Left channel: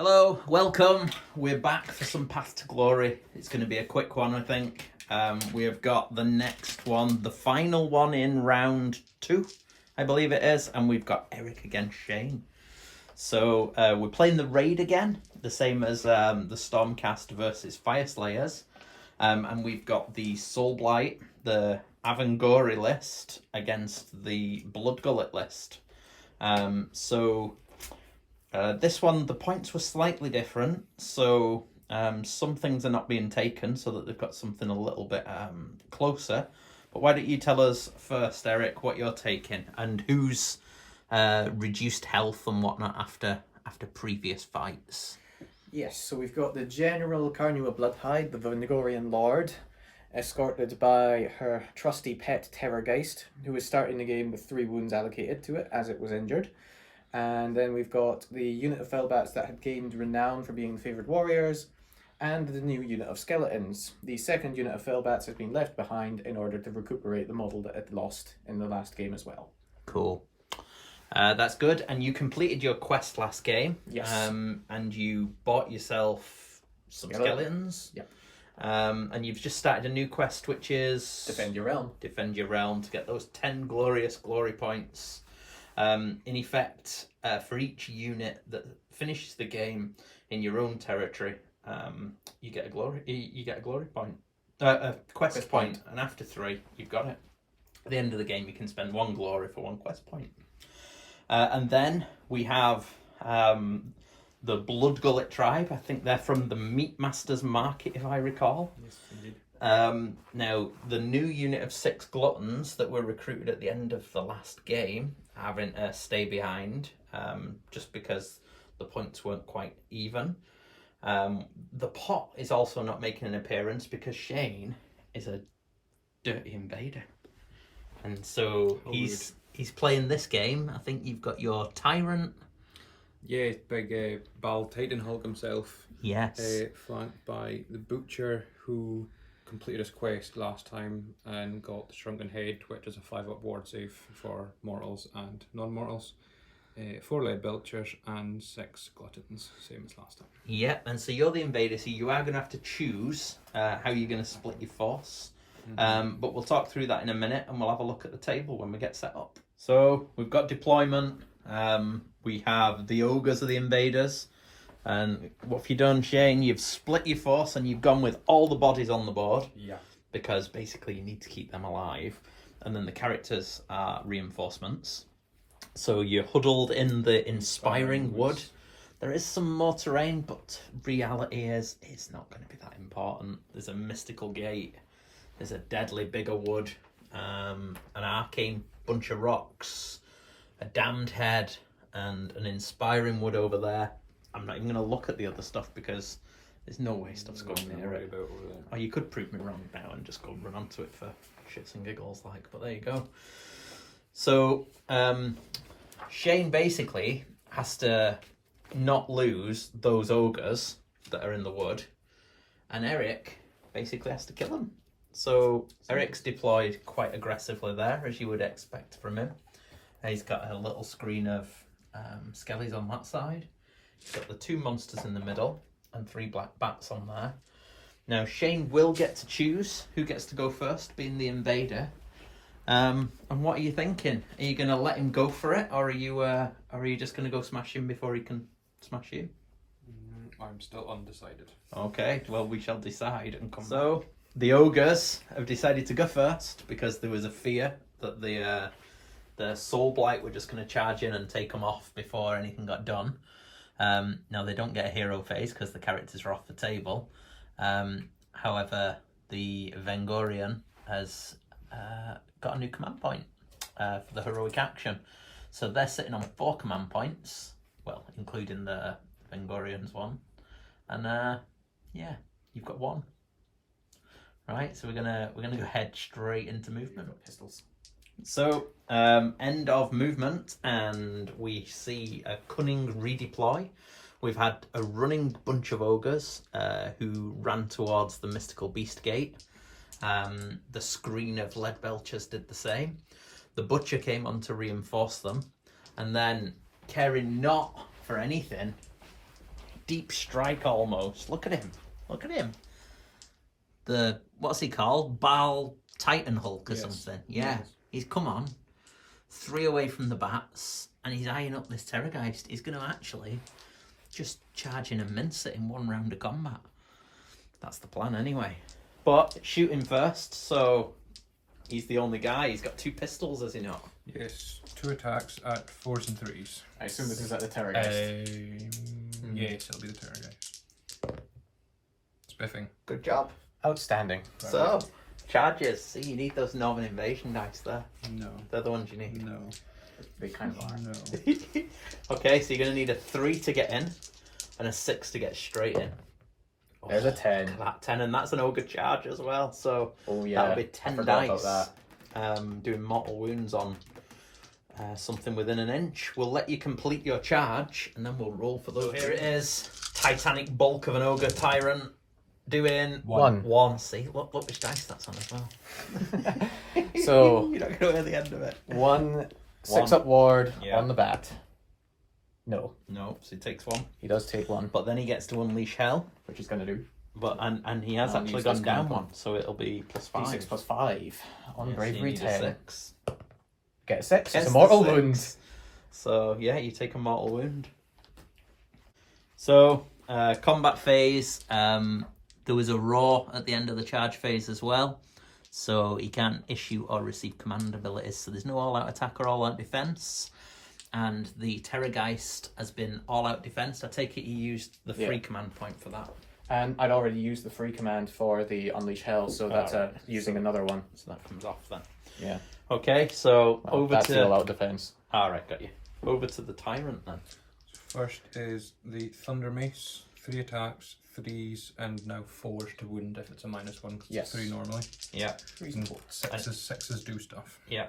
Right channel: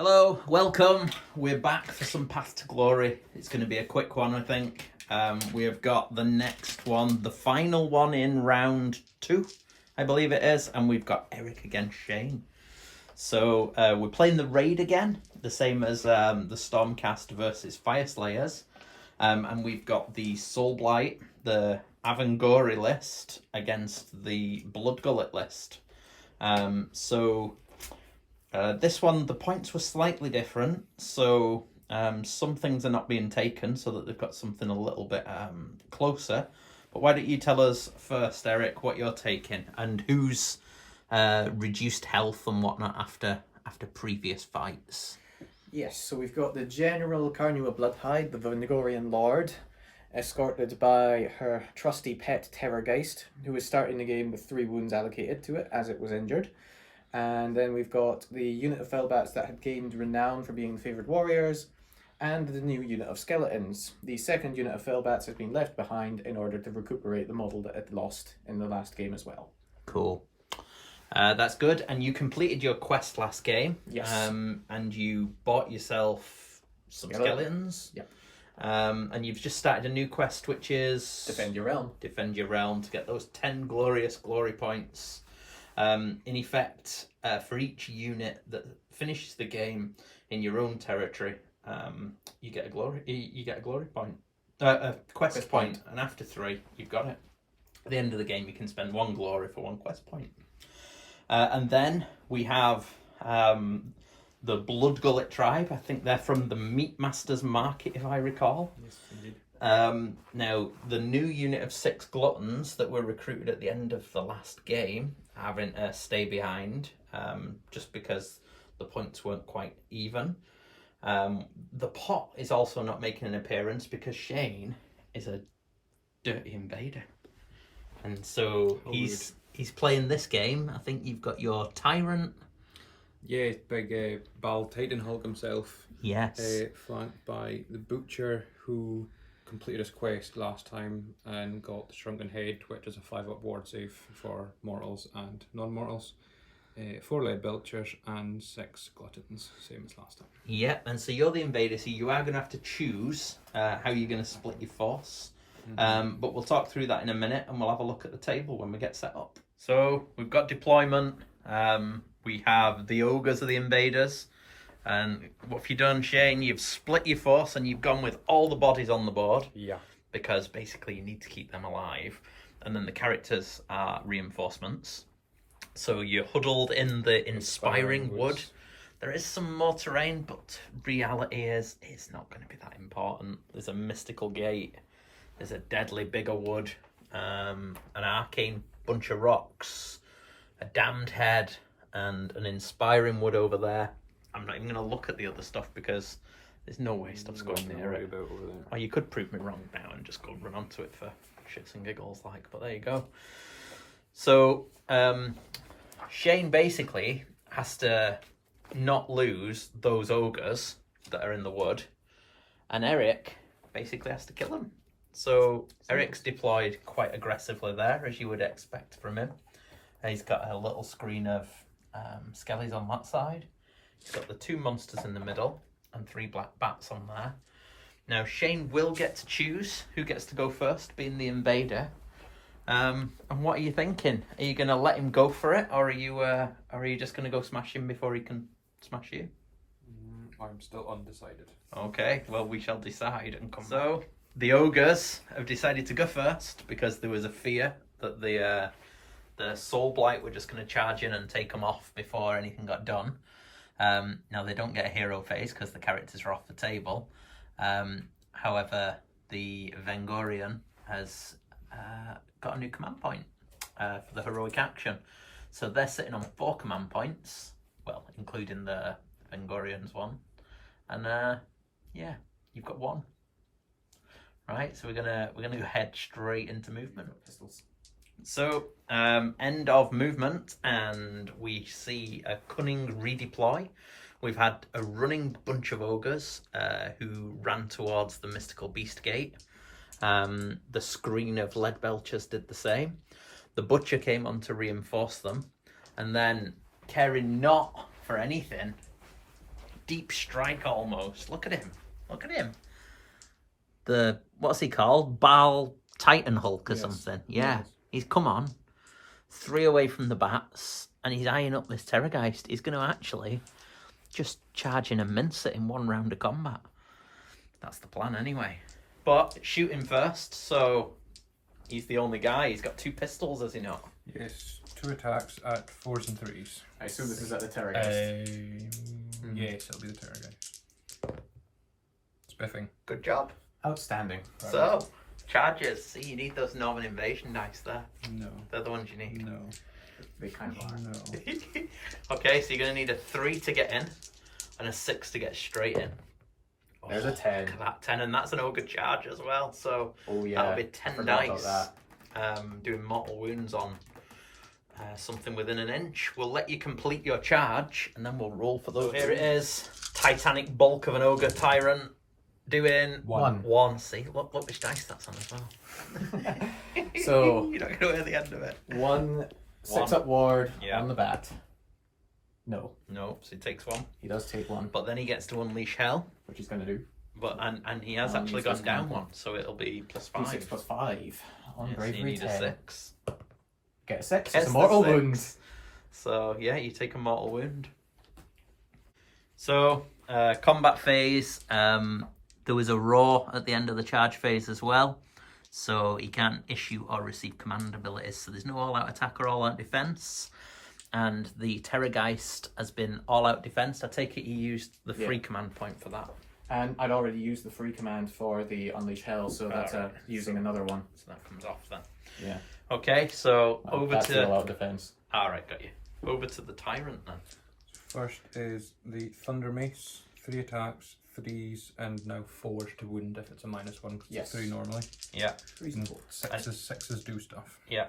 Hello, welcome. We're back for some Path to Glory. It's going to be a quick one, I think. We have got the next one, the final one in round 2, I believe it is, and we've got Eric against Shane. So we're playing the raid again, the same as the Stormcast versus Fyreslayers, and we've got the Soulblight, the Avangori list against the Bloodgullet list. This one, the points were slightly different, so some things are not being taken, so that they've got something a little bit closer. But why don't you tell us first, Eric, what you're taking, and who's reduced health and whatnot after previous fights? Yes, so we've got the General Carnua Bloodhide, the Vengorian Lord, escorted by her trusty pet Terrorgeist, who is starting the game with 3 wounds allocated to it as it was injured. And then we've got the unit of Felbats that had gained renown for being favoured warriors, and the new unit of Skeletons. The second unit of Felbats has been left behind in order to recuperate the model that it lost in the last game as well. Cool. That's good. And you completed your quest last game. Yes. And you bought yourself some skeletons. Yep. And you've just started a new quest, which is... Defend your realm. Defend your realm to get those 10 glorious glory points. In effect, for each unit that finishes the game in your own territory, you get a glory point, a quest point, and after 3, you've got it. At the end of the game, you can spend 1 glory for 1 quest point. And then we have the Bloodgullet tribe. I think they're from the Meat Masters Market, if I recall. Yes, indeed. Now, the new unit of 6 gluttons that were recruited at the end of the last game having to stay behind, just because the points weren't quite even. The pot is also not making an appearance because Shane is a dirty invader, and so he's playing this game. I think you've got your Tyrant. Yeah, big Bal Titan Hulk himself. Yes. Flanked by the Butcher, who completed his quest last time and got the Shrunken Head, which is a 5-up ward save for mortals and non-mortals. 4 lead belchers and 6 gluttons, same as last time. Yeah, and so you're the invader, so you are going to have to choose how you're going to split your force. Mm-hmm. But we'll talk through that in a minute, and we'll have a look at the table when we get set up. So we've got deployment. We have the ogres of the invaders. And what have you done, Shane? You've split your force and you've gone with all the bodies on the board. Yeah. Because basically you need to keep them alive. And then the characters are reinforcements. So you're huddled in the Inspiring Wood. There is some more terrain, but reality is it's not going to be that important. There's a mystical gate. There's a deadly bigger wood. An arcane bunch of rocks. A damned head. And an Inspiring Wood over there. I'm not even going to look at the other stuff because there's no way stuff's going near it. Or you could prove me wrong now and just go run onto it for shits and giggles, but there you go. So Shane basically has to not lose those ogres that are in the wood, and Eric basically has to kill them. So Eric's deployed quite aggressively there, as you would expect from him. He's got a little screen of skellies on that side. He's got the 2 monsters in the middle and 3 black bats on there. Now, Shane will get to choose who gets to go first, being the invader. And what are you thinking? Are you going to let him go for it, or are you just going to go smash him before he can smash you? I'm still undecided. Okay, well, we shall decide and come back. The ogres have decided to go first because there was a fear that the Soulblight were just going to charge in and take them off before anything got done. Now, they don't get a hero phase because the characters are off the table. However, the Vengorian has got a new command point for the heroic action. So they're sitting on 4 command points, well, including the Vengorian's one. And yeah, you've got 1. Right, so we're gonna go head straight into movement. Pistols. So, end of movement, and we see a cunning redeploy. We've had a running bunch of ogres who ran towards the mystical beast gate. The screen of lead belchers did the same. The butcher came on to reinforce them, and then caring not for anything, deep strike almost. Look at him. Look at him. The, what's he called? Baal Titan Hulk or something. Yeah. Yes. He's come on. 3 away from the bats. And he's eyeing up this Terrorgeist. He's going to actually just charge in and mince it in 1 round of combat. That's the plan anyway. But shoot him first, so he's the only guy. He's got 2 pistols, has he not? Yes, 2 attacks at 4s and 3s. I assume this is at the Terrorgeist. Yes, it'll be the Terrorgeist. Spiffing. Good job. Outstanding. So, charges. See, you need those Northern Invasion dice there. No. They're the ones you need. No. They kind of are. No. Okay, so you're going to need a 3 to get in and a 6 to get straight in. There's a 10. Look at that 10, and that's an ogre charge as well. So Oh yeah. that'll be 10 Forgot about dice. that. Doing mortal wounds on something within an inch. We'll let you complete your charge, and then we'll roll for those. Here it is. Titanic bulk of an ogre tyrant. Doing 1. See, look which dice that's on as well. So you're not going to hear the end of it. 1 6-up ward Yeah. on the bat. No, No, so he takes 1. he does take 1, But then he gets to unleash hell. which he's going to do. But and he has And actually use gone this down counter. 1, so it'll be +5. D6 plus 5 on Yeah, so you bravery need a 10. 6. Get a 6. Gets It's a the mortal 6. wound. So yeah, you take a mortal wound. So combat phase. There was a roar at the end of the charge phase as well. So he can't issue or receive command abilities. So there's no all-out attack or all-out defense. And the Terrorgeist has been all-out defense. I take it you used the free command point for that. And I'd already used the free command for the Unleash Hell, so that's using another one. So that comes off then. Yeah. Okay, so Well, over that's to... the all-out defense. Alright, got you. Over to the Tyrant then. First is the Thunder Mace. 3 attacks, 3s, and now 4s to wound if it's a -1, because Yes. it's 3 normally. Yeah. And 6s do stuff. Yeah.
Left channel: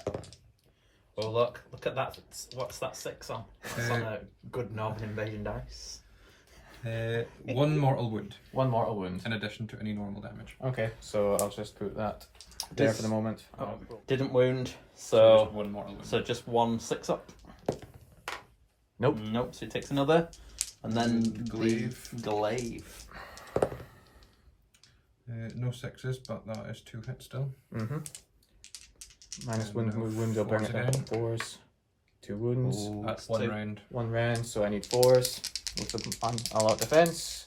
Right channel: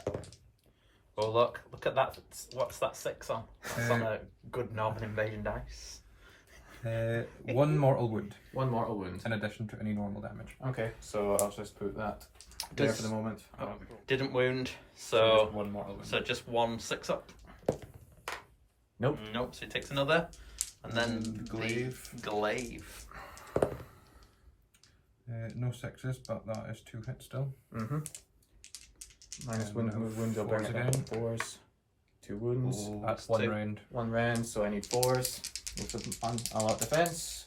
Well, look at that. What's that 6 on? That's on a good Northern Invasion dice. 1 mortal wound, 1 mortal wound. in addition to any normal damage. Okay, so I'll just put that there for the moment. Didn't wound, Just so 1 mortal wound. so just 1 6-up. Nope. Nope. So he takes another, and then And glaive. the glaive. No 6s, but that is 2 hits still. Mm-hmm. Minus And wounds, now wounds are 4s burning. again. 4s. 2 wounds. Ooh, At that's 1 2. round. 1 round, so I need 4s. We'll put them on all-out defense.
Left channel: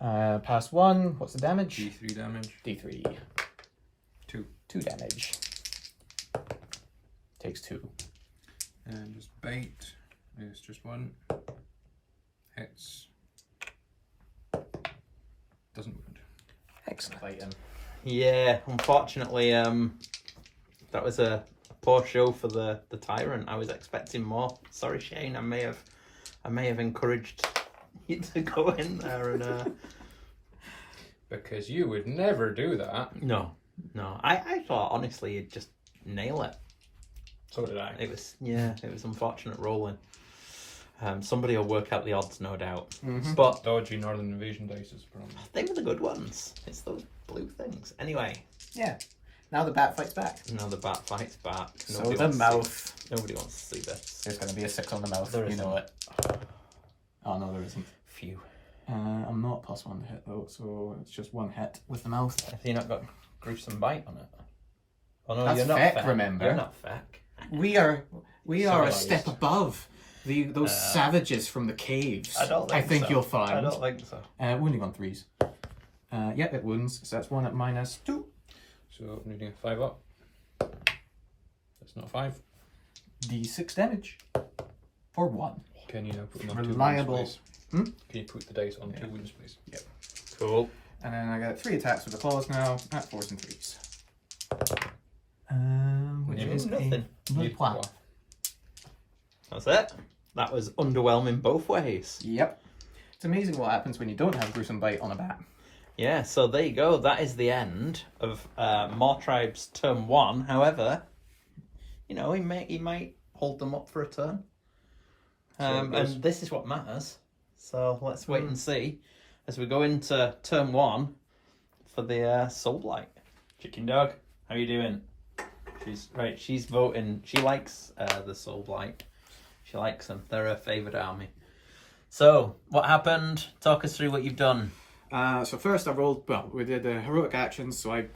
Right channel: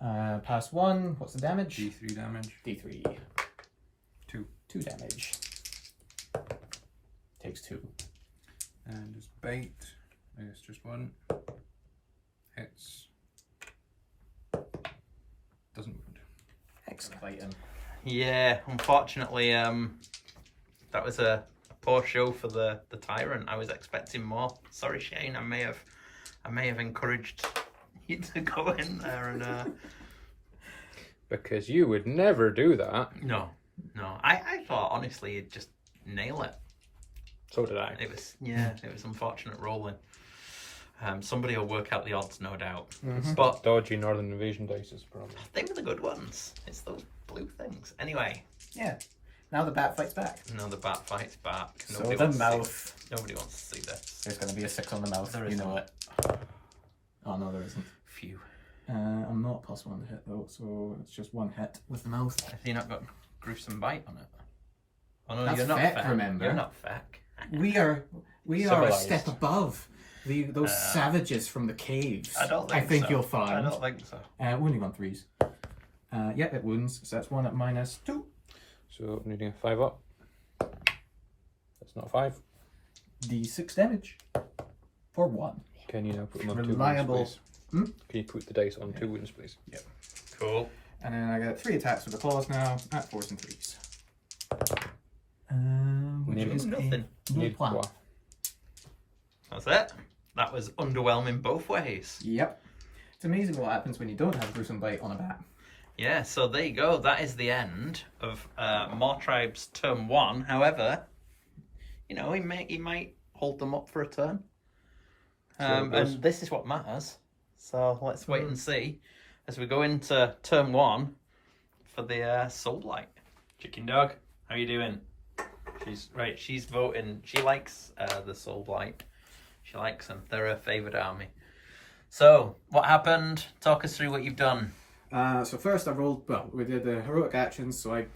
Pass 1. What's the damage? D3 damage. D3. 2. 2 damage. Takes 2. And just bite. It's just 1. Hits. Doesn't wound. Excellent item. Yeah. Unfortunately, that was a poor show for the Tyrant. I was expecting more. Sorry, Shane. I may have encouraged you to go in there and. Because you would never do that. No. I thought honestly you'd just nail it. So did I. It was unfortunate rolling. Somebody will work out the odds, no doubt. Mm-hmm. But Dodgy Northern Invasion dice is probably. they were the good ones. It's those blue things. Anyway, Yeah. Now the bat fights back. now the bat fights back. So Nobody the wants to see- mouth. nobody wants to see this. There's going to be a 6 on the mouth. There You know it. Oh, no, there isn't. Phew. I'm not +1 to hit, though, so it's just 1 hit with the mouth. Have you not got gruesome bite on it? Oh no, That's you're not feck, feck. remember? You're not feck. We are a Civilized. step above those savages from the caves. I think so. you'll find. I don't think so. Wounding on 3s. Yep, it wounds. So that's 1 at -2. So needing a 5-up. That's not 5. D6 damage. For 1. Can you now put them on Reliable. 2 wounds, please? Can you put the dice on 2 wounds, please? Cool. And then I got 3 attacks with the claws now at 4s and 3s. Which Need is nothing. a blue Need plat. one. That's it. That was underwhelming both ways. Yep. It's amazing what happens when you don't have gruesome bite on a bat. Yeah, so there you go. That is the end of Mawtribes turn 1. However, you know, he might hold them up for a turn. And this is what matters. So let's wait and see as we go into turn 1 for the Soulblight. Chicken Dog, how you doing? She's voting. She likes the Soulblight. She likes them. They're her favourite army. So, what happened? Talk us through what you've done. So first I rolled, we did the heroic actions, so I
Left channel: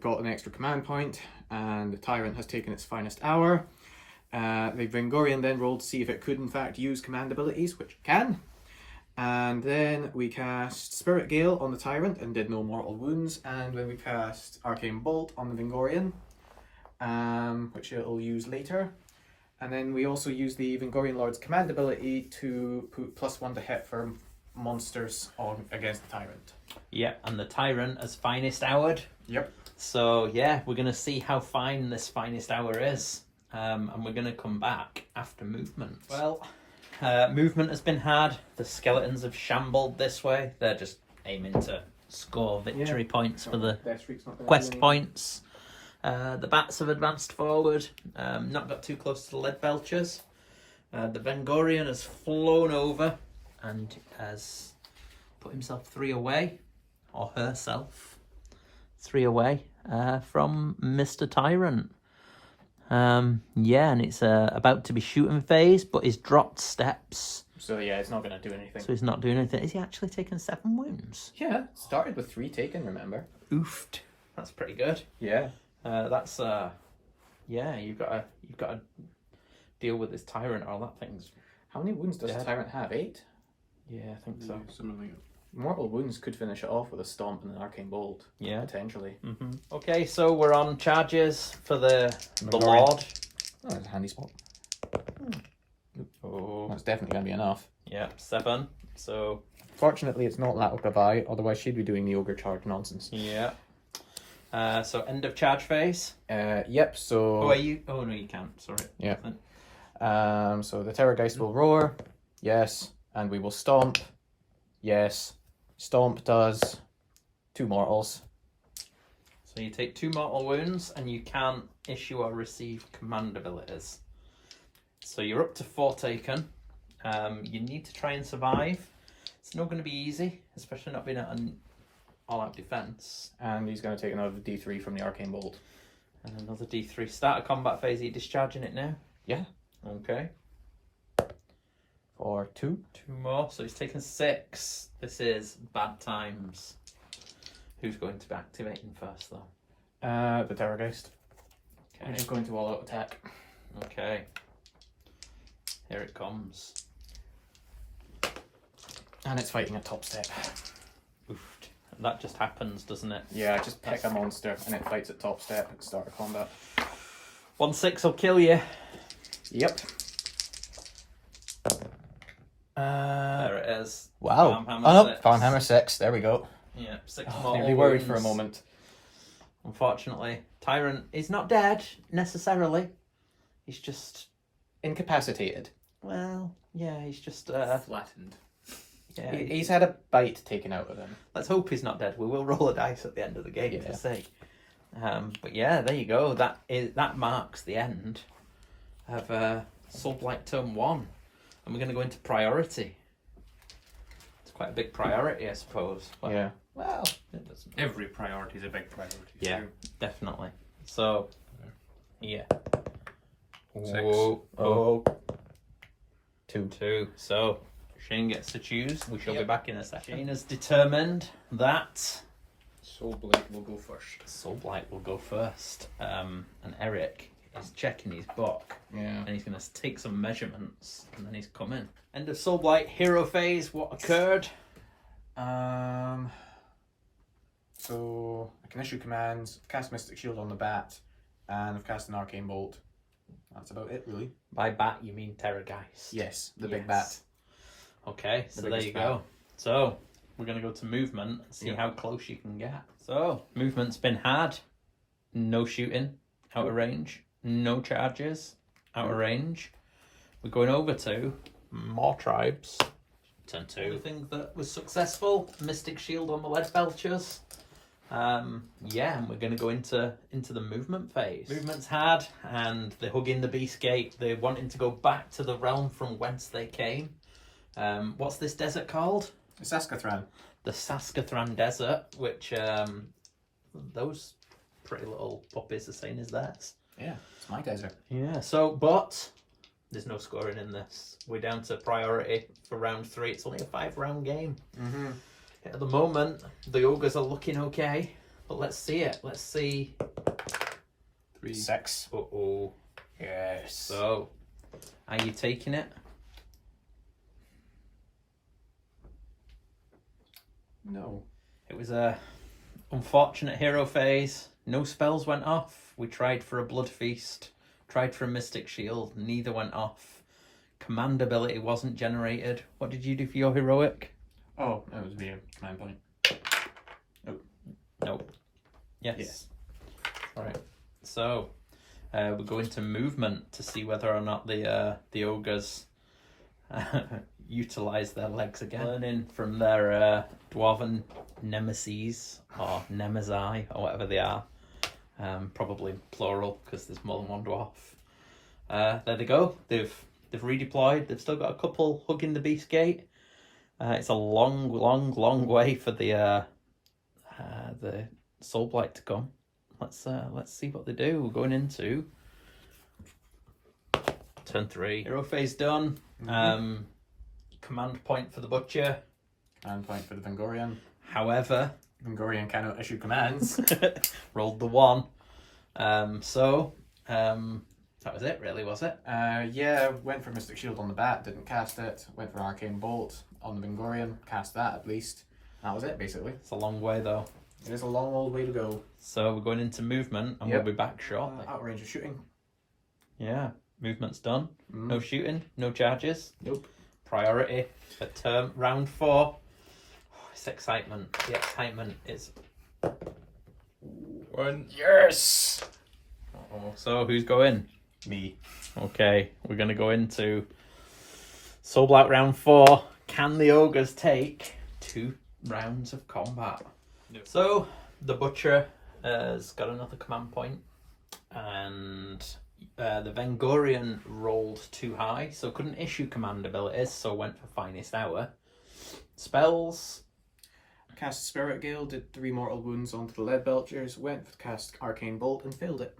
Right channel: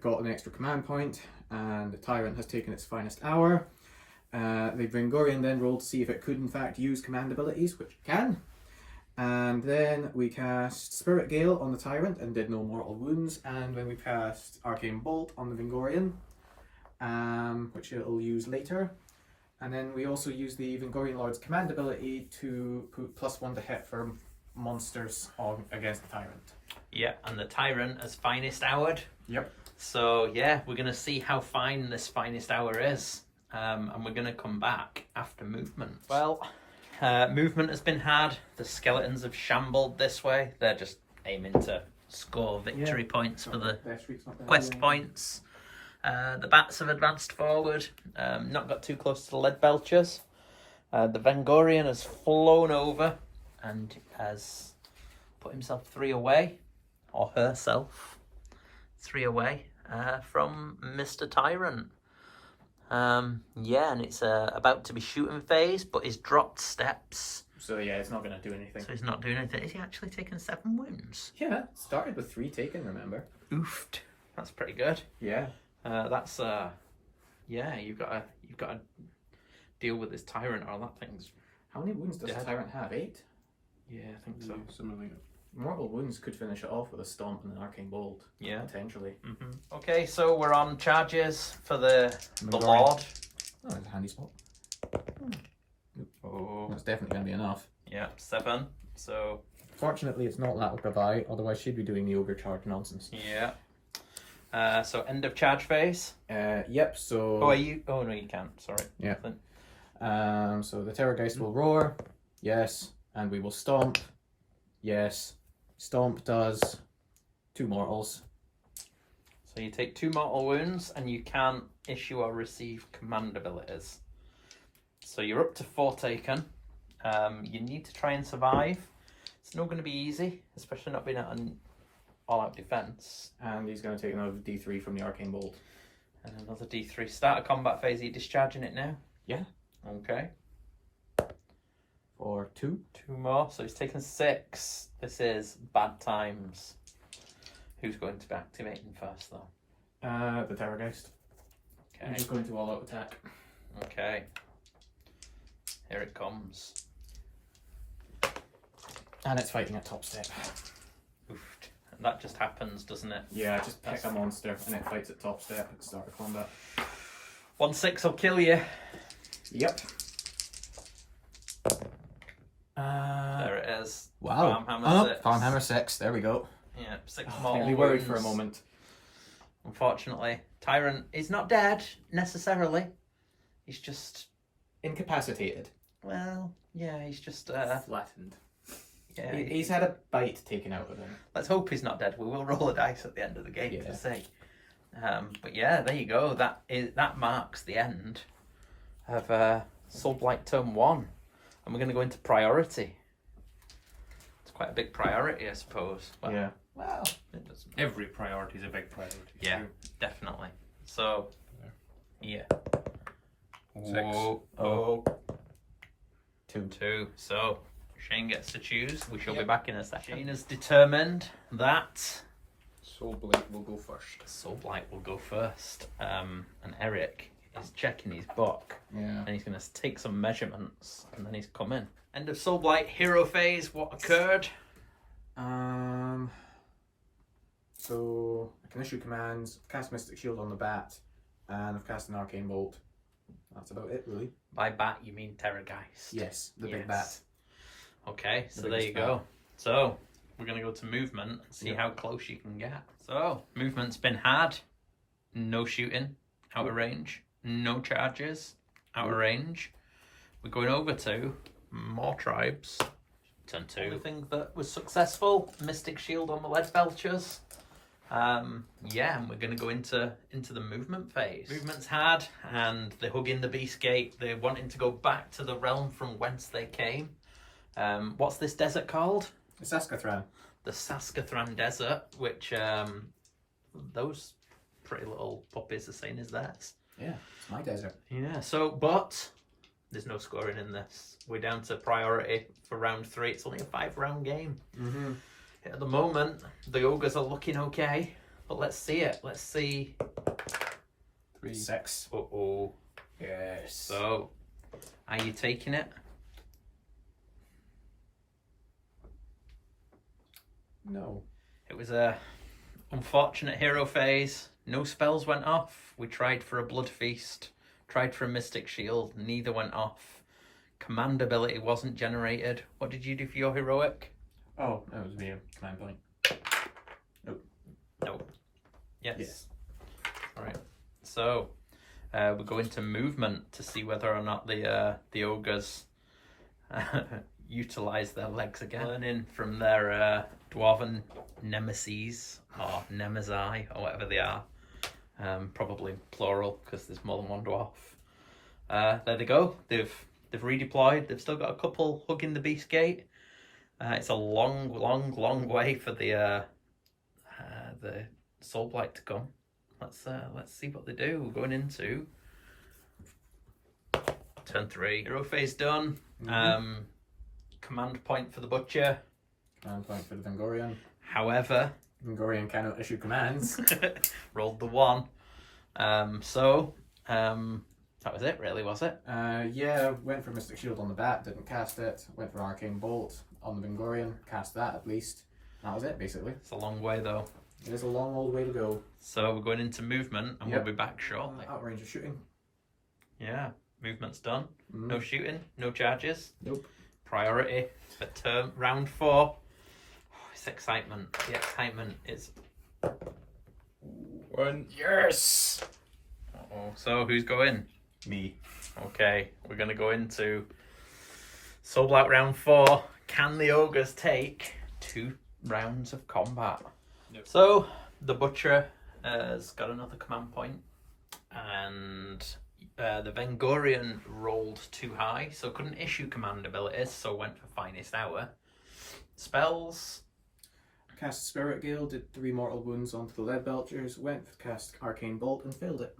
got an extra command point, and the Tyrant has taken its finest hour. The Vengorian then rolled to see if it could in fact use command abilities, which it can. And then we cast Spirit Gale on the Tyrant and did no mortal wounds, and then we cast Arcane Bolt on the Vengorian, which it'll use later. And then we also use the Vengorian Lord's command ability to put +1 to hit for monsters on against the Tyrant. Yeah, and the Tyrant has finest houred. Yep. So yeah, we're going to see how fine this finest hour is. And we're going to come back after movement. Well, movement has been had. The skeletons have shambled this way. They're just aiming to score victory points for the quest points. The bats have advanced forward, not got too close to the lead belchers. The Vengorian has flown over and has put himself 3 away, or herself 3 away from Mr. Tyrant. Yeah, and it's about to be shooting phase, but he's dropped steps. So yeah, it's not going to do anything. So he's not doing anything. Is he actually taking 7 wounds? Yeah, started with 3 taken, remember? Oofed. That's pretty good. Yeah. That's yeah. You've got to deal with this Tyrant, or that thing's. How many wounds does Dead. the Tyrant have? 8? Yeah, I think so. Something like that. Mortal wounds could finish it off with a stomp and an arcane bolt. Yeah. Potentially. Mm-hmm. Okay, so we're on charges for the Vengorian. Lord. Oh, that's a handy spot. Oh, that's definitely going to be enough. Yeah, 7. So Fortunately, it's not that Ogre Eye, otherwise she'd be doing the Ogre Charge nonsense. yeah. So end of charge phase. Yep, so... Oh, are you? Oh no, you can't. Sorry. Yeah. So the Terrorgeist will roar. Yes. And we will stomp. Yes. Stomp does 2 mortals. So you take 2 mortal wounds, and you can't issue or receive command abilities. So you're up to 4 taken. You need to try and survive. It's not going to be easy, especially not being at an all-out defense. And he's going to take another D3 from the Arcane Bolt. And another D3. Start a combat phase. Are you discharging it now? Yeah. Okay. For 2. 2 more. So he's taken 6. This is bad times. Who's going to be activating first, though? The Terrorgeist. Okay. He's going to all-out attack. Okay. Here it comes. And it's fighting at top step. Oof. That just happens, doesn't it? Yeah, just pick a monster and it fights at top step at the start of combat. 1/6 will kill you. Yep. There it is. Wow. Farmhammer 6. Farmhammer 6. There we go. Yeah, 6 I mortal nearly worried wounds. for a moment. Unfortunately, Tyrant is not dead necessarily. He's just, Incapacitated. well, yeah, he's just Flattened. yeah. He's had a bite taken out of him. Let's hope he's not dead. We will roll a dice at the end of the game to see. But yeah, there you go. That marks the end of Soulblight Turn 1, and we're going to go into priority. It's quite a big priority, I suppose. Well, Yeah. Well, it doesn't. Every priority is a big priority. Yeah, too. definitely. So, yeah. 6. Oh. 2. 2. So, Shane gets to choose. We shall be Yep. back in a second. Shane has determined that Soulblight will go first. Soulblight will go first. And Eric is checking his book. Yeah. And he's going to take some measurements. And then he's coming. End of Soulblight hero phase. What occurred? So I can issue commands, cast Mystic Shield on the bat, and I've cast an Arcane Bolt. That's about it, really. By bat, you mean Terrorgeist. Yes, the big bat. Okay, so there biggest you go. So, we're going to go to movement and see Yeah. how close you can get. So, movement's been had. No shooting. Out of range. No charges. Out of range. We're going over to Mawtribes. Turn 2. Only thing that was successful, Mystic Shield on the Lead Belchers. Yeah, and we're going to go into the movement phase. Movement's had, and they're hugging the Beast Gate. They're wanting to go back to the realm from whence they came. What's this desert called? The Saskathran. The Saskathran Desert, which those pretty little puppies are saying is theirs. Yeah, it's my desert. Yeah, so, but There's no scoring in this. We're down to priority for round 3. It's only a 5-round game. Mm-hmm. At the moment, the ogres are looking okay, but let's see it. Let's see. 3. 6. Uh-oh. Yes. So, are you taking it? No. It was a unfortunate hero phase. No spells went off. We tried for a blood feast, tried for a mystic shield, neither went off. Command ability wasn't generated. What did you do for your heroic? Oh, that was me. Command point. Nope. Yes. All right. So, we go into movement to see whether or not the ogres utilize their legs again. Learning from their dwarven nemesis or nemesi or whatever they are. Probably plural because there's more than one dwarf. There they go. They've redeployed. They've still got a couple hugging the beast gate. It's a long way for the Soulblight to come. Let's see what they do. We're going into turn 3. Hero phase done. Mm-hmm. Command point for the butcher. Command point for the Vengorian. However, Vengorian cannot issue commands. rolled the 1. So that was it, really, was it? Yeah, went for Mystic Shield on the bat, didn't cast it. Went for Arcane Bolt on the Vengorian, cast that at least. That was it, basically. It's a long way, though. It is a long old way to go. So we're going into movement, and Yep. we'll be back shortly. Out of range of shooting. Yeah, movement's done. Mm. No shooting, no charges. Nope. Priority for round 4. It's excitement. The excitement is... 1. Yes! Uh-oh. So who's going? Me. Okay, we're going to go into Soulblight round 4. Can the ogres take 2 rounds of combat? No. So the butcher has got another command point, and the Vengorian rolled too high, so couldn't issue command abilities, so went for Finest Hour. Spells. Cast Spirit Gale, did 3 mortal wounds onto the Lead Belchers, went for cast Arcane Bolt and failed it.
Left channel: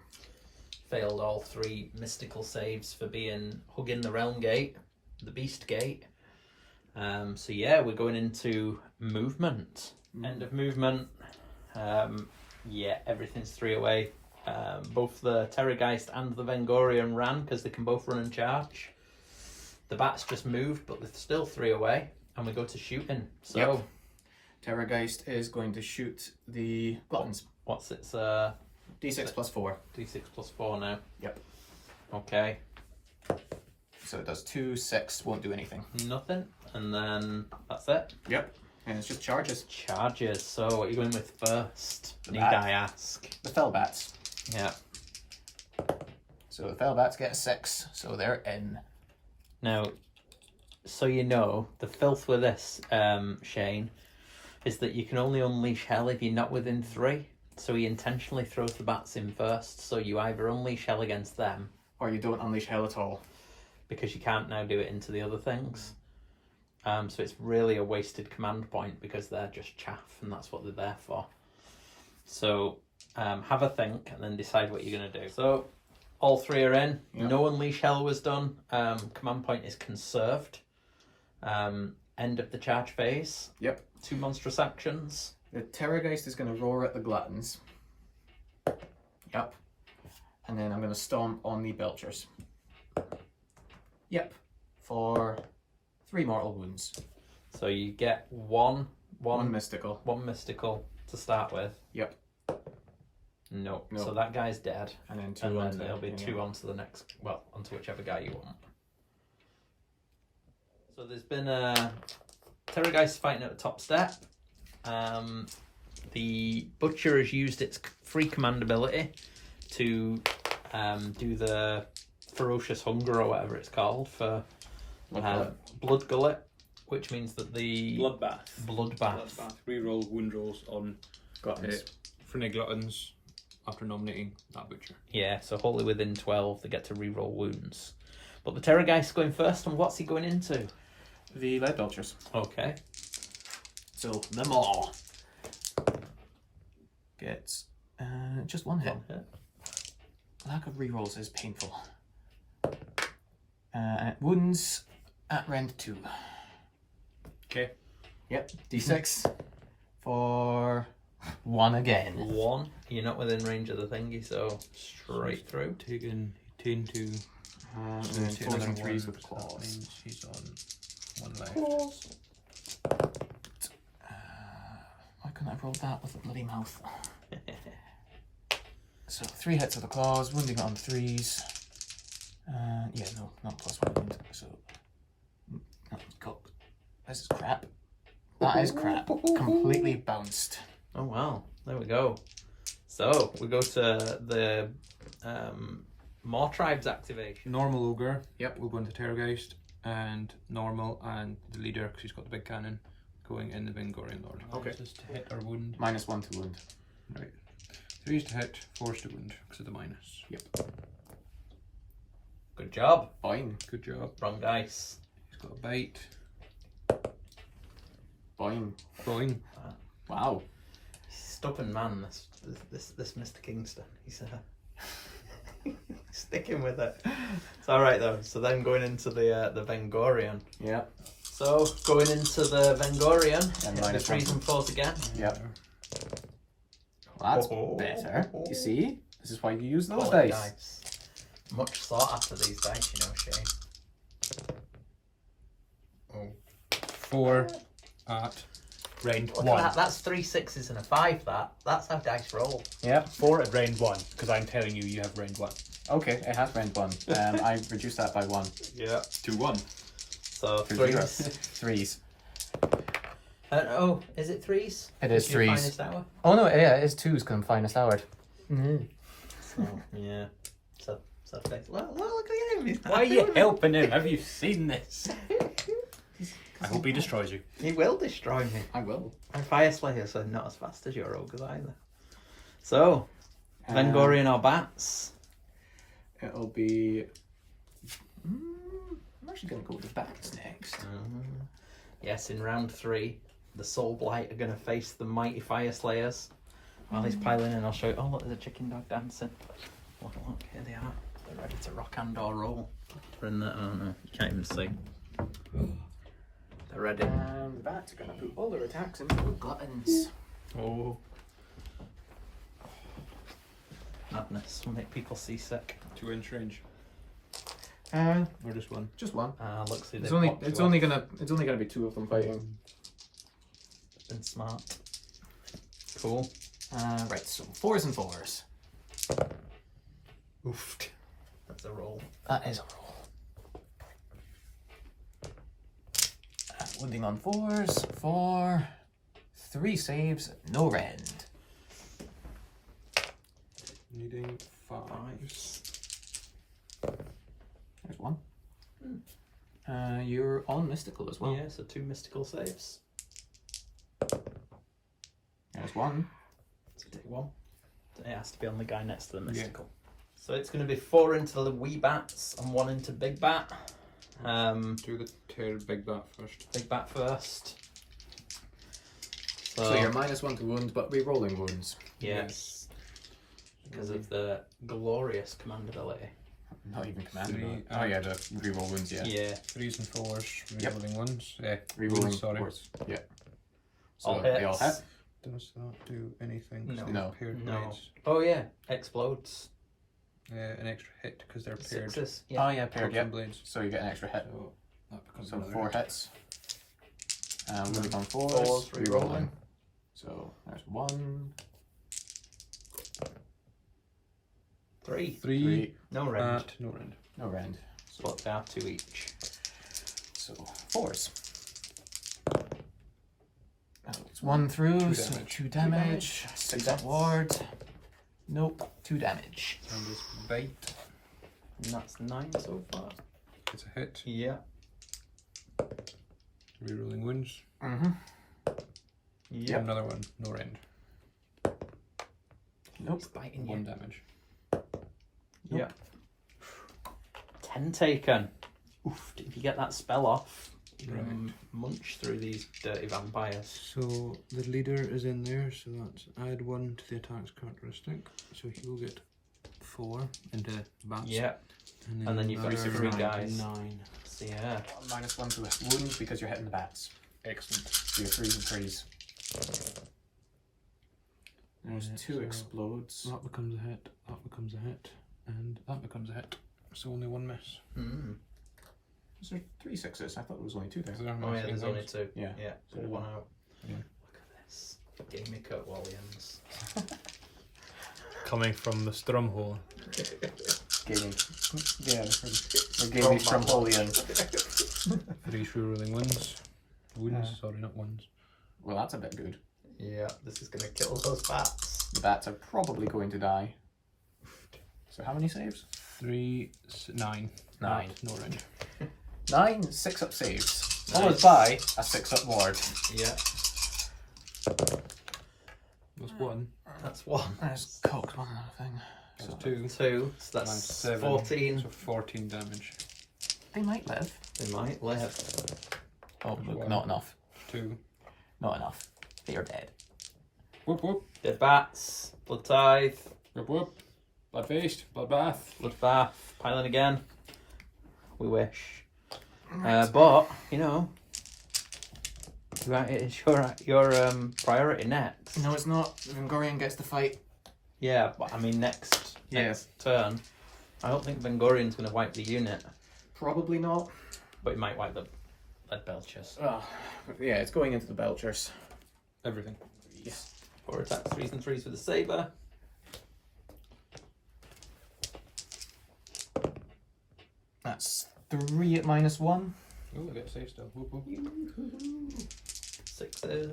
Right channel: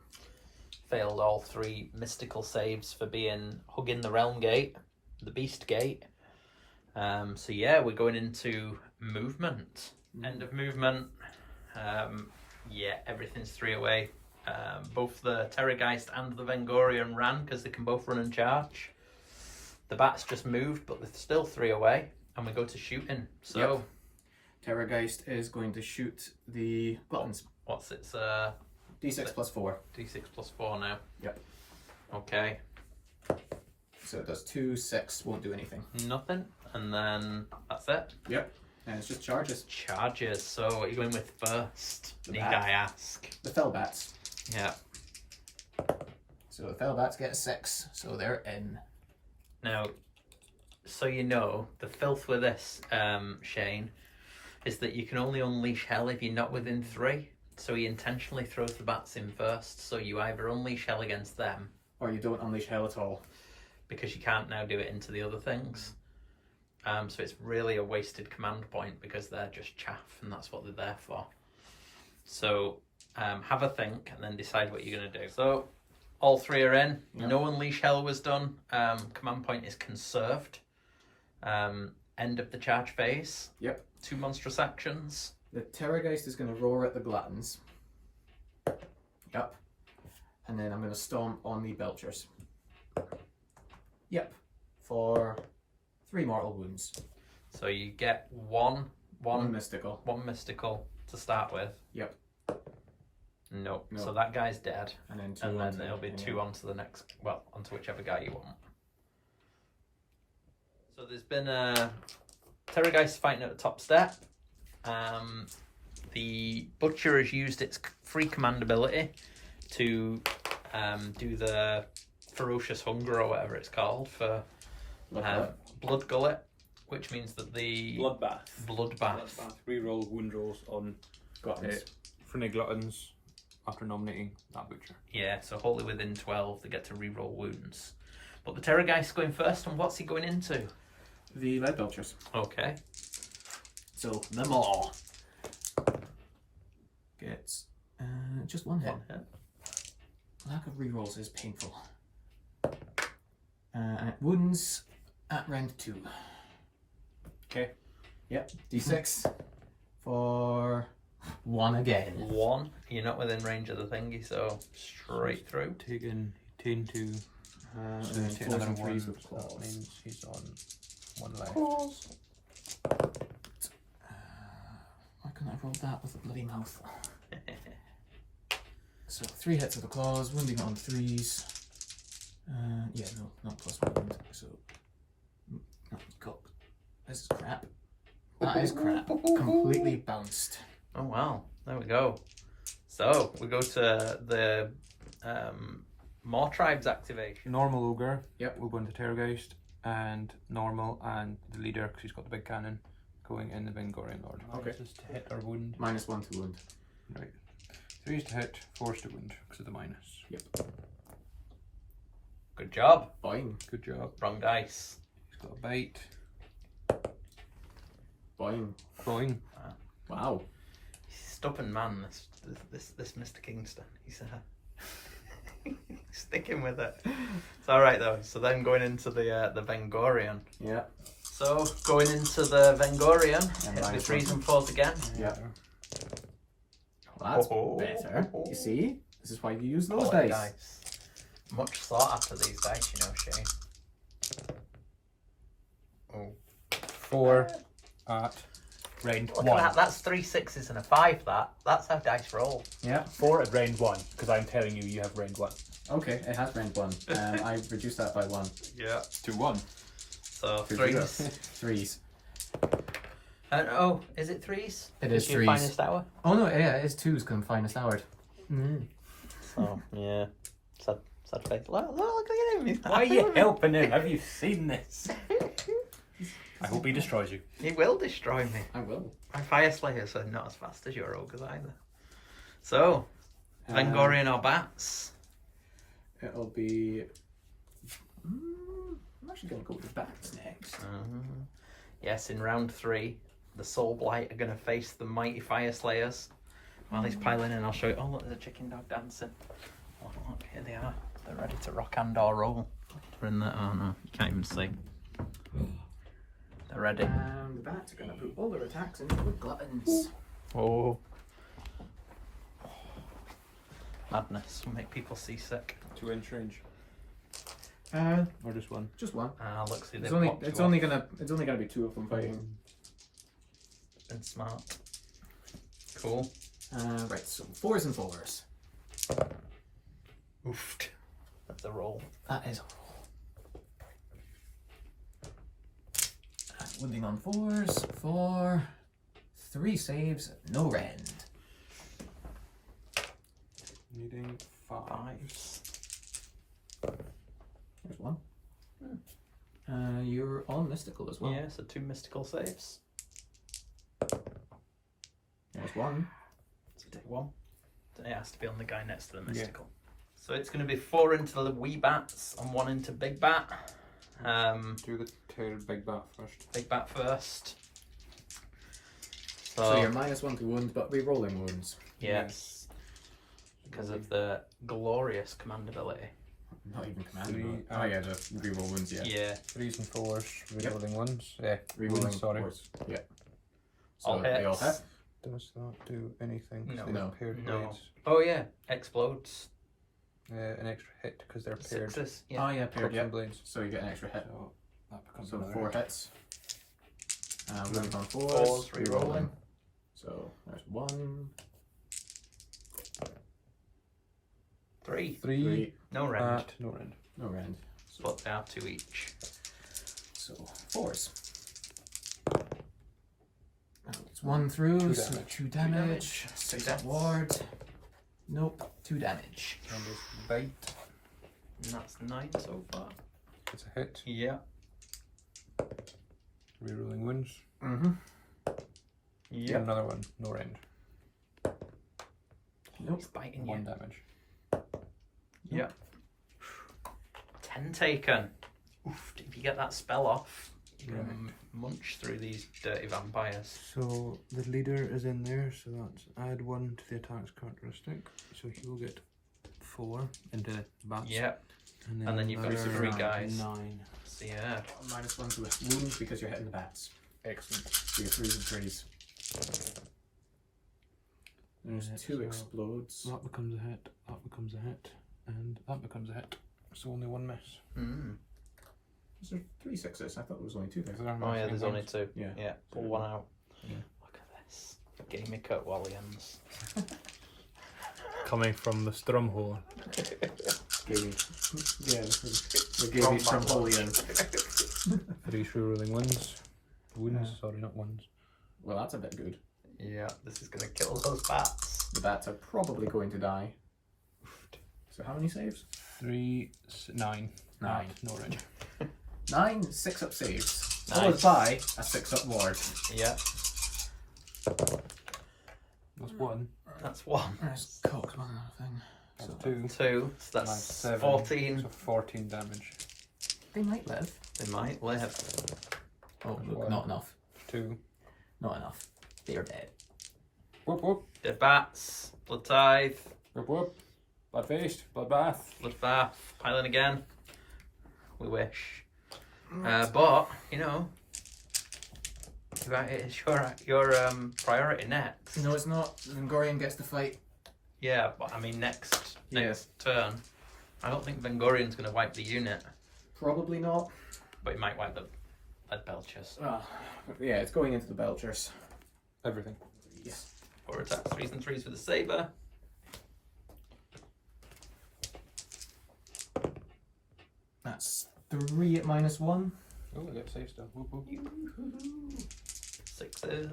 Failed all 3 mystical saves for being hugging the Realm Gate, the Beast Gate. So yeah, we're going into movement. End of movement. Yeah, everything's 3 away. Both the Terrorgeist and the Vengorian ran because they can both run and charge. The bats just moved, but they're still 3 away, and we go to shooting. So, Yep. Terrorgeist is going to shoot the Gluttons. what's its D6 plus 4. D6 plus 4 now? Yep. Okay, So it does 2, 6, won't do anything. nothing, and then that's it. Yep. And it's just charges. Charges. So, what are you going with first? The Need bat. I ask? The Fell Bats. Yeah. So the Fell Bats get a 6, so they're in. Now, so you know, the filth with this, Shane, is that you can only unleash hell if you're not within 3. So he intentionally throws the bats in first, so you either unleash hell against them, Or you don't unleash hell at all. because you can't now do it into the other things. So it's really a wasted command point, because they're just chaff, and that's what they're there for. So have a think, and then decide what you're going to do. So all 3 are in. Yep. No unleash hell was done. Command point is conserved. End of the charge phase. Yep. 2 monstrous actions. The Terrorgeist is going to roar at the Gluttons. Yep. And then I'm going to stomp on the Belchers. Yep. For 3 mortal wounds. So you get one mystical. one mystical to start with. Yep. No. No. So that guy's dead. And then 2 And onto then it'll be the- 2 onto the next, well, onto whichever guy you want. So there's been a Terrorgeist fighting at the top step. The Butcher has used its free command ability to do the Ferocious Hunger, or whatever it's called, for Blood Gullet, which means that the Bloodbath. Bloodbath. Reroll wound rolls on Gluttons. friendly Gluttons after nominating that butcher. Yeah, so wholly within 12, they get to reroll wounds. But the Terrorgeist's going first, and what's he going into? The Lead Belchers. Okay. So, them all. Gets just 1 hit. One hit. Lack of rerolls is painful. Wounds at rend 2. Okay. Yep. D6 for 1 again. 1. You're not within range of the thingy, so straight through. Taking 10 to. So then take 4s another and 1. 3s with So that claws. means he's on 1 left. Claws. Why couldn't I roll that with a bloody mouth? So 3 hits with the claws, wounding it on 3s. Yeah, no, not +1 wound. So, no, go. This is crap. That is crap. Completely bounced. Oh wow, there we go. So we go to the Mawtribes activation. Normal ogre. Yep. We'll go into Terrorgeist, and normal, and the leader, because he's got the big cannon, going in the Vengorian Lord. Okay. This is to hit or wound. -1 to wound. Right. 3's to hit, 4's to wound, because of the minus. Yep. Good job. Boing. Good job. Wrong dice. He's got a bite. Boing. Boing. Wow. Stubborn man, this Mr. Kingston. He's sticking with it. It's all right though. So then going into the Vengorian. Yeah. So going into the Vengorian, And it'll be minus 3s and 4s again. Yeah. Well, that's Oh. better. You see? This is why you use those Quality dice. Much sought after these dice, you know, Shay. Oh. 4 at range Look 1. at that. That's 3 6s and a 5. That's how dice roll. Yeah. 4 at range 1, because I'm telling you, you have range 1. Okay, it has rend 1. I reduced that by 1. Yeah. To 1. So 3s. 3s. Oh, is it 3s? It is Your 3s. finest hour. Oh no, yeah, it is 2s because I'm finest houred. So yeah. Sad face. Look at him. He's Why are happy you with me. helping him? Have you seen this? I hope he destroys you. He will destroy me. I will. My Fyreslayers are not as fast as your ogres either. So, Vengorian or bats? It'll be. I'm actually going to go with the bats next. Yes, in round 3, the Soulblight are going to face the mighty Fyreslayers. While he's piling in, I'll show you. Oh, look, there's a chicken dog dancing. Look, here they are. They're ready to rock and or roll. They're in there. Oh no, you can't even see. They're ready. The bats are going to put all their attacks into the gluttons. Oh. Madness will make people seasick. 2-inch range. Or just 1? Just 1. Look, see, It's they've only, popped it's you only off. gonna it's only gonna be 2 of them fighting. Been smart. Cool. Right, so 4s and 4s. Oof. That's a roll. That is a roll. Wounding on 4s. 4. 3 saves, no rend. Needing 5. 5s. There's 1. You're on mystical as well. Yeah, so 2 mystical saves. There's 1. So take 1. It has to be on the guy next to the mystical. So it's going to be 4 into the wee bats and 1 into big bat. Do the big bat first. Big bat first. So you're -1 to wound, but re-rolling wounds. Yes. Because of the glorious command ability. Not even command. 3 Oh yeah, the re-roll wounds, yeah. Yeah. 3s and 4s, rerolling 1s. Yeah, Re-rolling wounds, sorry. fours. Yeah. So All they all hits. hit. Does that do anything? 'Cause No. they've No. paired No. blades. Oh yeah. Explodes. An extra hit because they're paired. 6s. Yeah. Oh yeah, paired, Clubs yeah. and blades. So you get an extra hit. So that becomes So another 4 hit. hits. Wounding on 4s. 4s, re-rolling. So there's 1. 3. 3 No rend. at no rend. No rend. But they have 2 each. So 4s. It's 1 through, 2 so damage. 2 damage. 6 Deaths. at ward. Nope, 2 damage. And this bite. And that's 9 so far. It's a hit. Yeah. Rerolling wounds. Mm-hmm. Yeah. Another one. No rend. Nope. He's biting 1 you. damage. Yeah. 10 taken. Oof. If you get that spell off, you can munch through these dirty vampires. So the leader is in there, so that's add 1 to the attack's characteristic. So he will get 4 into the bats. Yeah. And then you've got you're three around guys. 9. So yeah. -1 to a wound because you're hitting the bats. Excellent. So you're 3s and 3s. There's 2 so explodes. That becomes a hit, that becomes a hit, and that becomes a hit. So only 1 miss. Is there 3 6s? I thought there was only 2 there. Oh yeah, there's only 2. Yeah. Yeah, pull one out. Yeah. Look at this. Gamey cut Walliams. Coming from the Strumhole. Gaming. Yeah, the gaming Strombolian. 3 true rolling wounds. Wounds, Yeah. sorry, not ones. Well, that's a bit good. Yeah, this is gonna kill those bats. The bats are probably going to die. So how many saves? 3, 9. 9. No range. 9 6-up saves. Nice. Followed by a 6-up ward. Yeah, That's 1. that's 1. There's cocked one other thing. That's So 2. 2, so Mine's that's 7. 14. So 14 damage. they might live. They might live. Oh, One. not enough. 2. Not enough. They are dead. Whoop whoop. They're bats. Blood tithe. Whoop whoop. Blood feast. Bloodbath. Bloodbath. Piling again. We wish. But, you know, right, it's your priority next. No, it's not. Vengorian gets the fight. Yeah, but I mean next Yeah. turn. I don't think Vengorian's going to wipe the unit, Probably not. but he might wipe the Lead Belchers. Yeah, it's going into the Belchers. Everything. Yes. 4 attacks, 3s and 3s with the saber. That's 3 at -1. Oh, I get save still. Whoop whoop. 6s.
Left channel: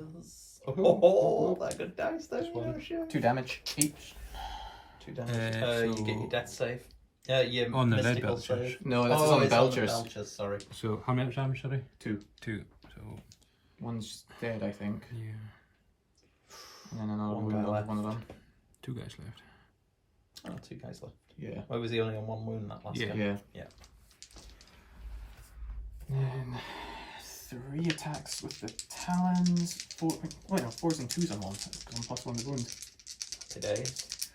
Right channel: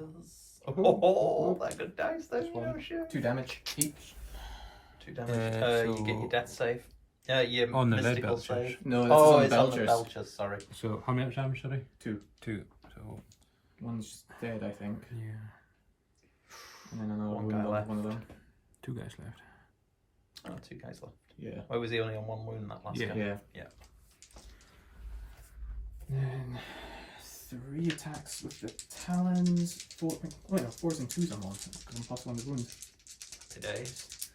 Oh, that good dice there. Just one. Oh, shit. 2 damage each. 2 damage. You get your so- death save. Yeah, your On the Lead mystical Belchers. save. No, this Oh, is it's on on the the Belchers. Belchers, sorry. So how many damage, sorry? 2. 2. So One's dead, I think. yeah. And then another One wound guy on left. one of them. 2 guys left. Oh, 2 guys left. Yeah. Why was he only on 1 wound that last Yeah. guy? Yeah. Yeah. Then 3 attacks with the talons. 4. Wait, no, 4s and 2s I'm on. I'm +1 to wound. Today's.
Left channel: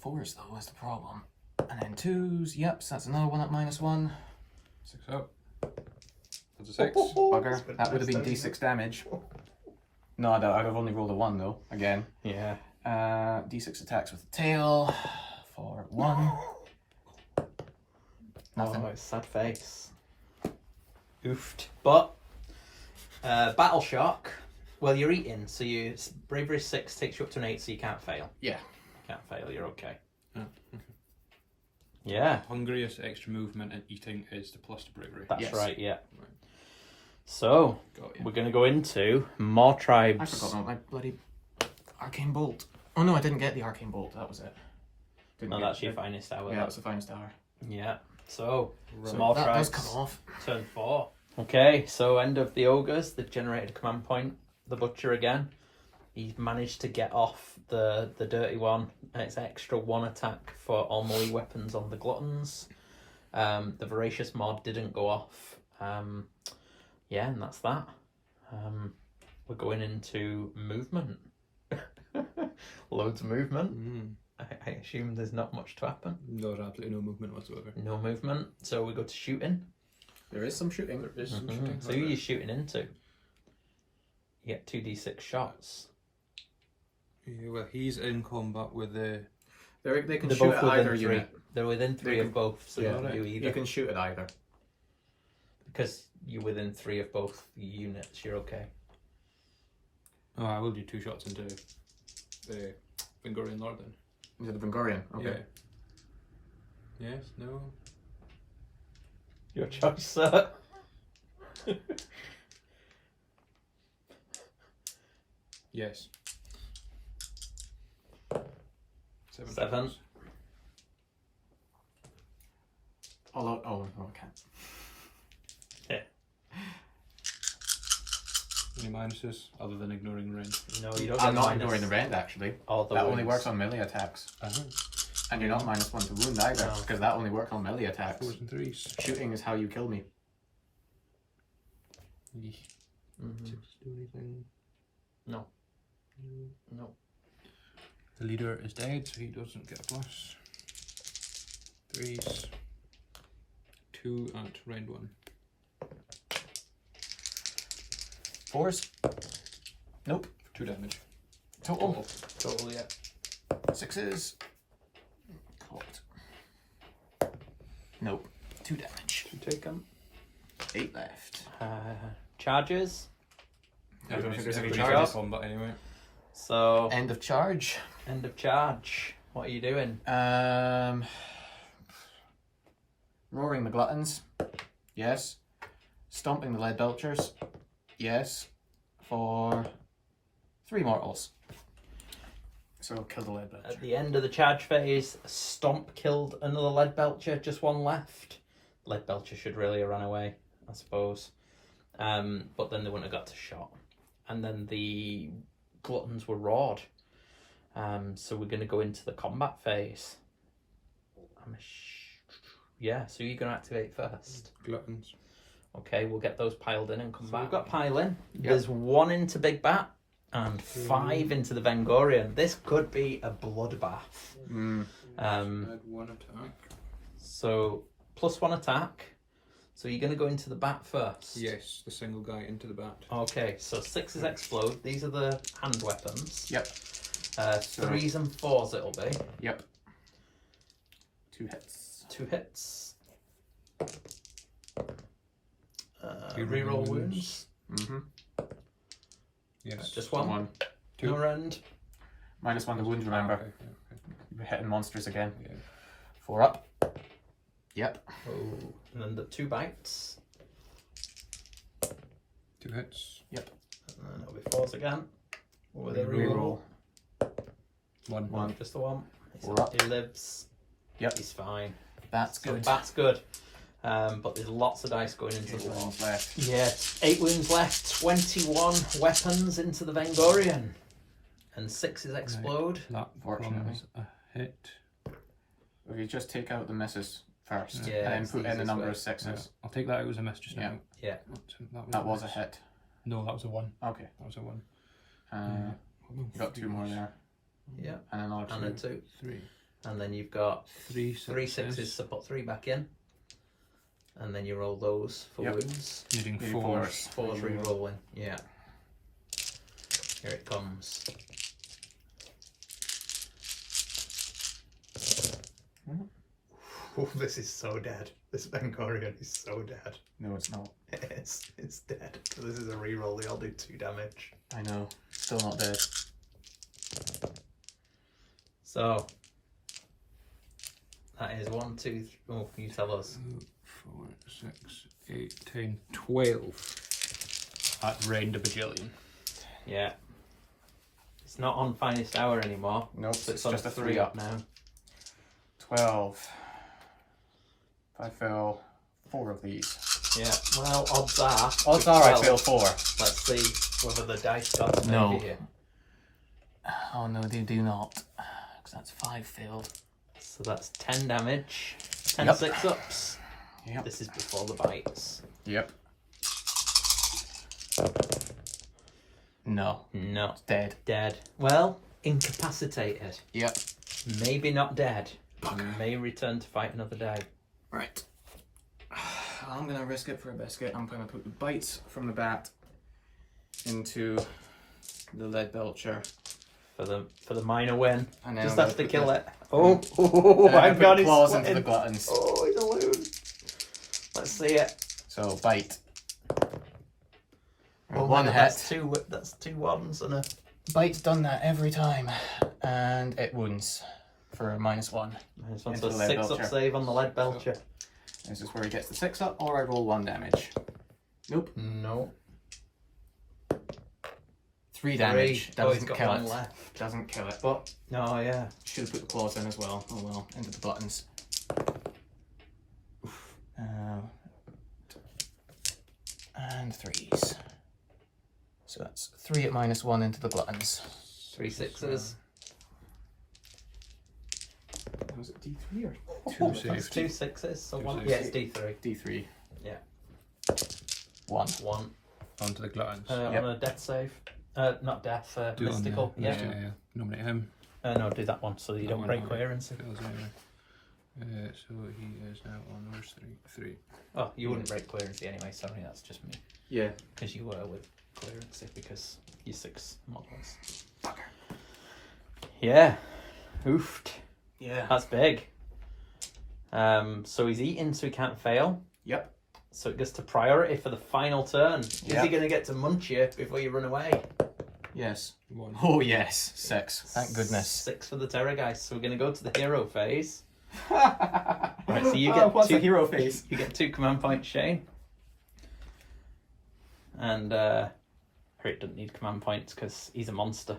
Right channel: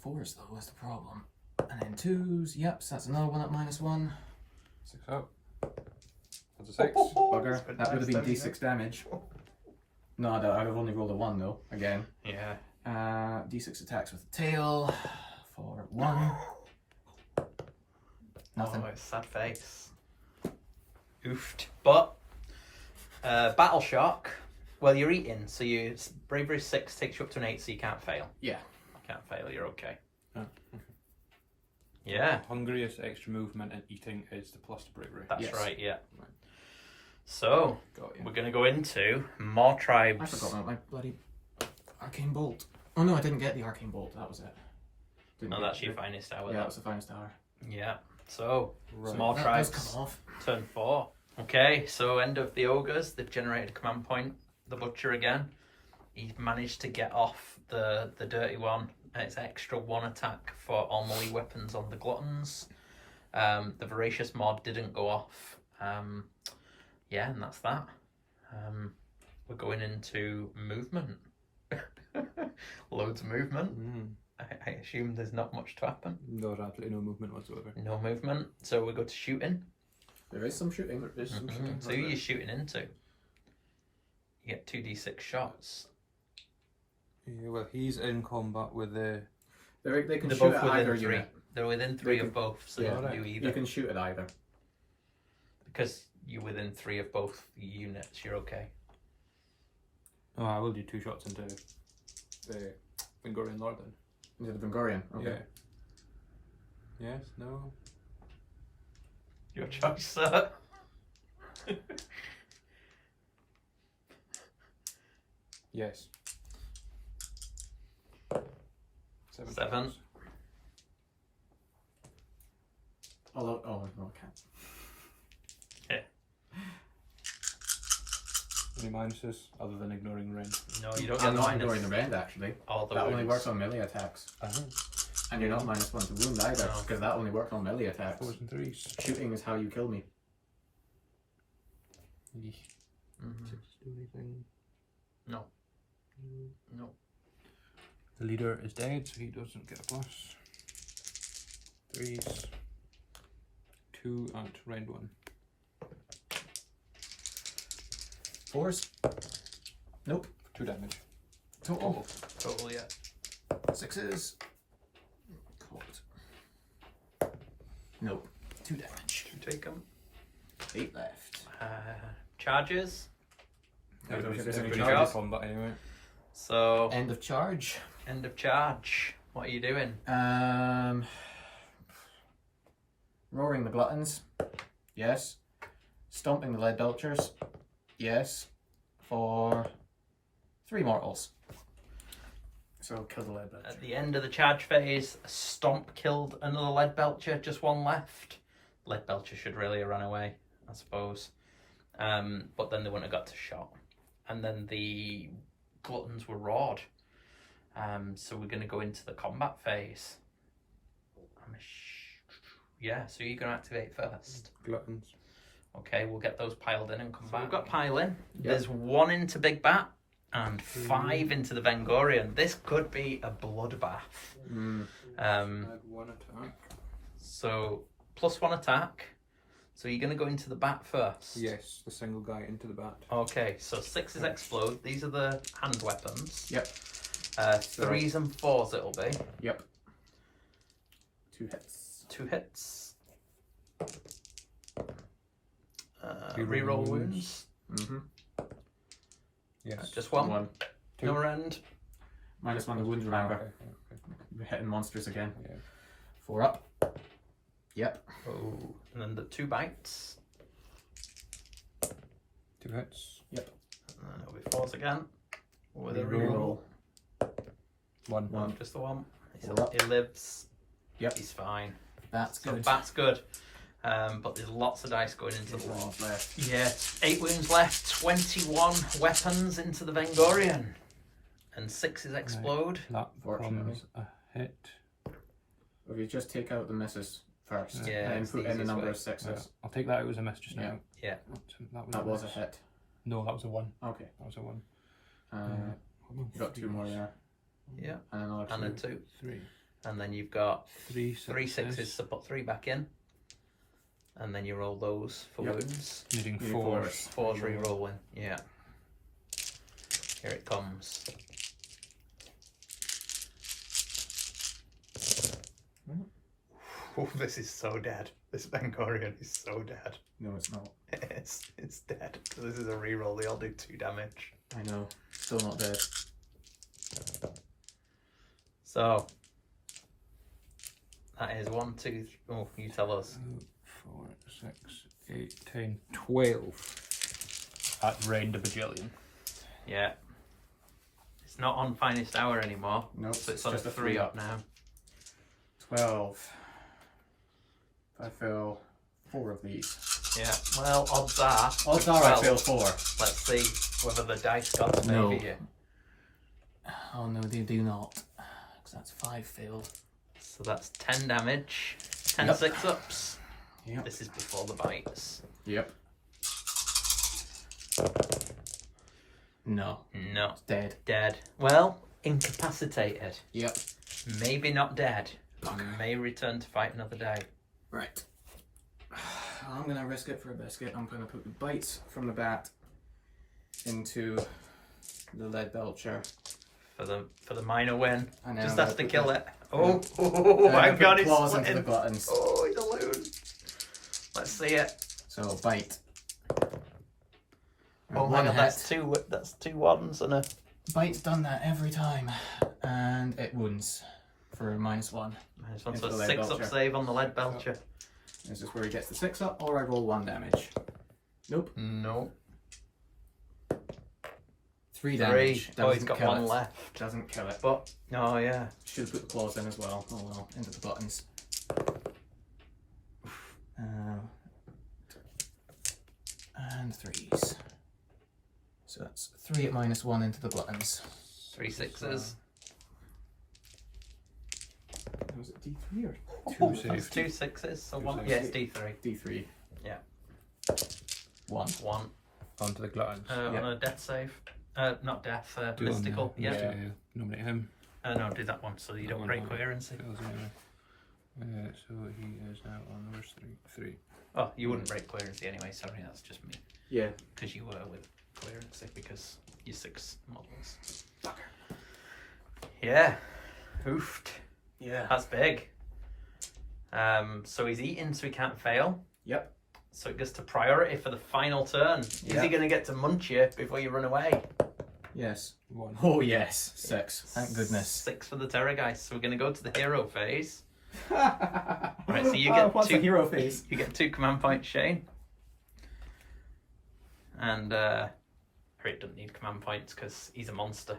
4s though is the problem. And then 2s. Yep, so that's another one at -1. 6 up. That's a 6. Bugger. That would have been D6 damage. No, I'd have only rolled a 1 though. Again. Yeah. D6 attacks with the tail. For 1. Nothing. Oh, sad face. Oofed. But, Battle Shock. Well, you're eating, so you Bravery 6 takes you up to an 8, so you can't fail. Yeah. Can't fail, you're okay. Oh, okay. Yeah, Hungriest, extra movement, and eating is the plus to bravery. that's Yes. right, yeah. Right. So, Got you. we're going to go into Mawtribes. I forgot about my bloody Arcane Bolt. Oh no, I didn't get the Arcane Bolt. That was it. Didn't No, get that's your it. finest hour. Yeah, that's the finest hour. Yeah. So, Right. Small That tribes. does come off. Turn 4. Okay, so end of the ogres. They've generated a command point. The butcher again. He's managed to get off the dirty one. And it's extra 1 attack for all melee weapons on the gluttons. The voracious mod didn't go off. Yeah, and that's that. We're going into movement. Loads of movement. I assume there's not much to happen. There's absolutely no movement whatsoever. No movement. So we go to shooting. There is some shooting. There is some Mhm. shooting. So who are you shooting into? You get 2d6 shots. Yeah, well, he's in combat with the. They can They're shoot both at within either 3. unit. They're within 3 They of can- both, so yeah, you can do either. You can shoot at either. Because you're within 3 of both units, you're okay. Oh, I will do 2 shots into the Vengorian Lord then. Into the Vengorian. Okay. Yeah. Yes. No. Your choice, sir. Yes. 7. 7. shots. Oh, no, I can't. Any minuses other than ignoring range? No, you don't get I'm not minus ignoring the rend actually. all the That only wounds. works on melee attacks. And you're not -1 to wound either, No. because that only works on melee attacks. 4s and 3s. Shooting is how you kill me. Yeesh. Mhm. 6 do anything? No. No. The leader is dead, so he doesn't get a plus. threes. 2 at round 1. 4s. Nope. 2 damage. Total. Total, yeah. 6s. Caught. Nope. 2 damage. Take them. 8 left. Charges. Every charge. charge combat anyway. So, End of charge. end of charge. What are you doing? Roaring the Gluttons. Yes. Stomping the Lead Belchers. Yes. For 3 mortals. So kill the Lead Belcher. At the end of the charge phase, a stomp killed another lead belcher, just one left. Lead belcher should really have run away, I suppose. But then they wouldn't have got to shot. And then the gluttons were roared. So we're going to go into the combat phase. Yeah, so you're going to activate first. Gluttons. Okay, we'll get those piled in and come back. We've got pile in. Yep. There's 1 into Big Bat and 5 into the Vengorian. This could be a bloodbath. Add 1 attack. So +1 attack. So you're going to go into the bat first? Yes, the single guy into the bat. Okay, so 6s explode. These are the hand weapons. Yep. 3s and 4s it'll be. Yep. 2 hits. 2 hits. You Reroll roll wounds. Mm-hmm. Yes. Just 1. 1. No end. -1 the wounds, remember. Okay. You're hitting monsters again. Yeah. 4 up. Yep. Oh, and then the 2 bites. 2 hits. And then it'll be 4s again. With a Reroll. reroll. 1. Just the 1. Four up. He lives. Yep. He's fine. That's So good. that's good. But there's lots of dice going into 8 the wall. wounds left. Yeah, 8 wounds left, 21 weapons into the Vengorian. And 6s explode. That Fortunately. becomes a hit. If you just take out the misses first, Yeah, and it's then put the in the easiest number way. of 6s. I'll take that out as a miss just now. Yeah. That was a miss. hit. No, that was a 1. Okay. That was a 1. You got 2 more there. Yeah. And another 2. And a 2. 3. And then you've got 3 3 6s, so put 3 back in. And then you roll those for Yep. wounds. Needing Needing 4s. 4s re-rolling. Yeah. Here it comes. Oh, this is so dead. This Vengorian is so dead. No, it's not. It's dead. This is a reroll. They all do 2 damage. I know. Still not dead. So that is 1, 2. Oh, you tell us. 4, 6, 8, 10, 12. At range a bajillion. Yeah. It's not on finest hour anymore. Nope, So it's on just a 3 3 up now. 12. I fail 4 of these. Yeah. Well, odds are. Odds are I 12. fail 4. Let's see whether the dice gods may No. be here. Oh no, they do not. Because that's 5 failed. So that's 10 damage. 10 Yep. 6-ups. Yep. This is before the bites. Yep. No. No. It's dead. Dead. Well, incapacitated. Yep. Maybe not dead. May return to fight another day. Right. I'm going to risk it for a biscuit. I'm going to put the bites from the bat into the lead belcher. For the minor win. And then Just I'm has to gonna kill put it. Oh my put god, he's claws into the splitting. gluttons. Oh, he's a loon. Let's see it. So bite. Oh my One god, hit. that's 2 1s and a... Bite's done that every time. And it wounds for a -1. Minus 1, Into so the lead 6-up belcher. save on the lead belcher. This is where he gets the 6 up, or I roll 1 damage. Nope. No. 3 3. damage. Oh, he's Doesn't got kill 1 it. left. Doesn't kill it. But, oh yeah. Should have put the claws in as well. Oh well, into the buttons. And 3s. So that's 3 at -1 into the gluttons. 3 6s. Was it D3 or Oh, Two that's saved. 2 6s. So 1. saves. Yeah, it's D3. D3? Yeah. 1. 1. Onto the gluttons. Yep. On a death save. Not death, Do it on mystical. the- Yeah. Nominate him. No, do that one so you That don't one, break alright. coherency. Fails anyway. So he is now on where's 3. Oh, you wouldn't break clearance anyway. Sorry, that's just me. Yeah. Because you were with clearance because you're 6 models. Fucker. Yeah. Oofed. Yeah. That's big. So he's eating, so he can't fail. Yep. So it goes to priority for the final turn. Is he Yep. going to get to munch you before you run away? Yes. 1. Oh yes. 6. Thank goodness. 6 for the Terrorgeist. So we're going to go to the hero phase. Right. So you get what's two, a hero phase? You get 2 command points, Shane. And Rick doesn't need command points because he's a monster.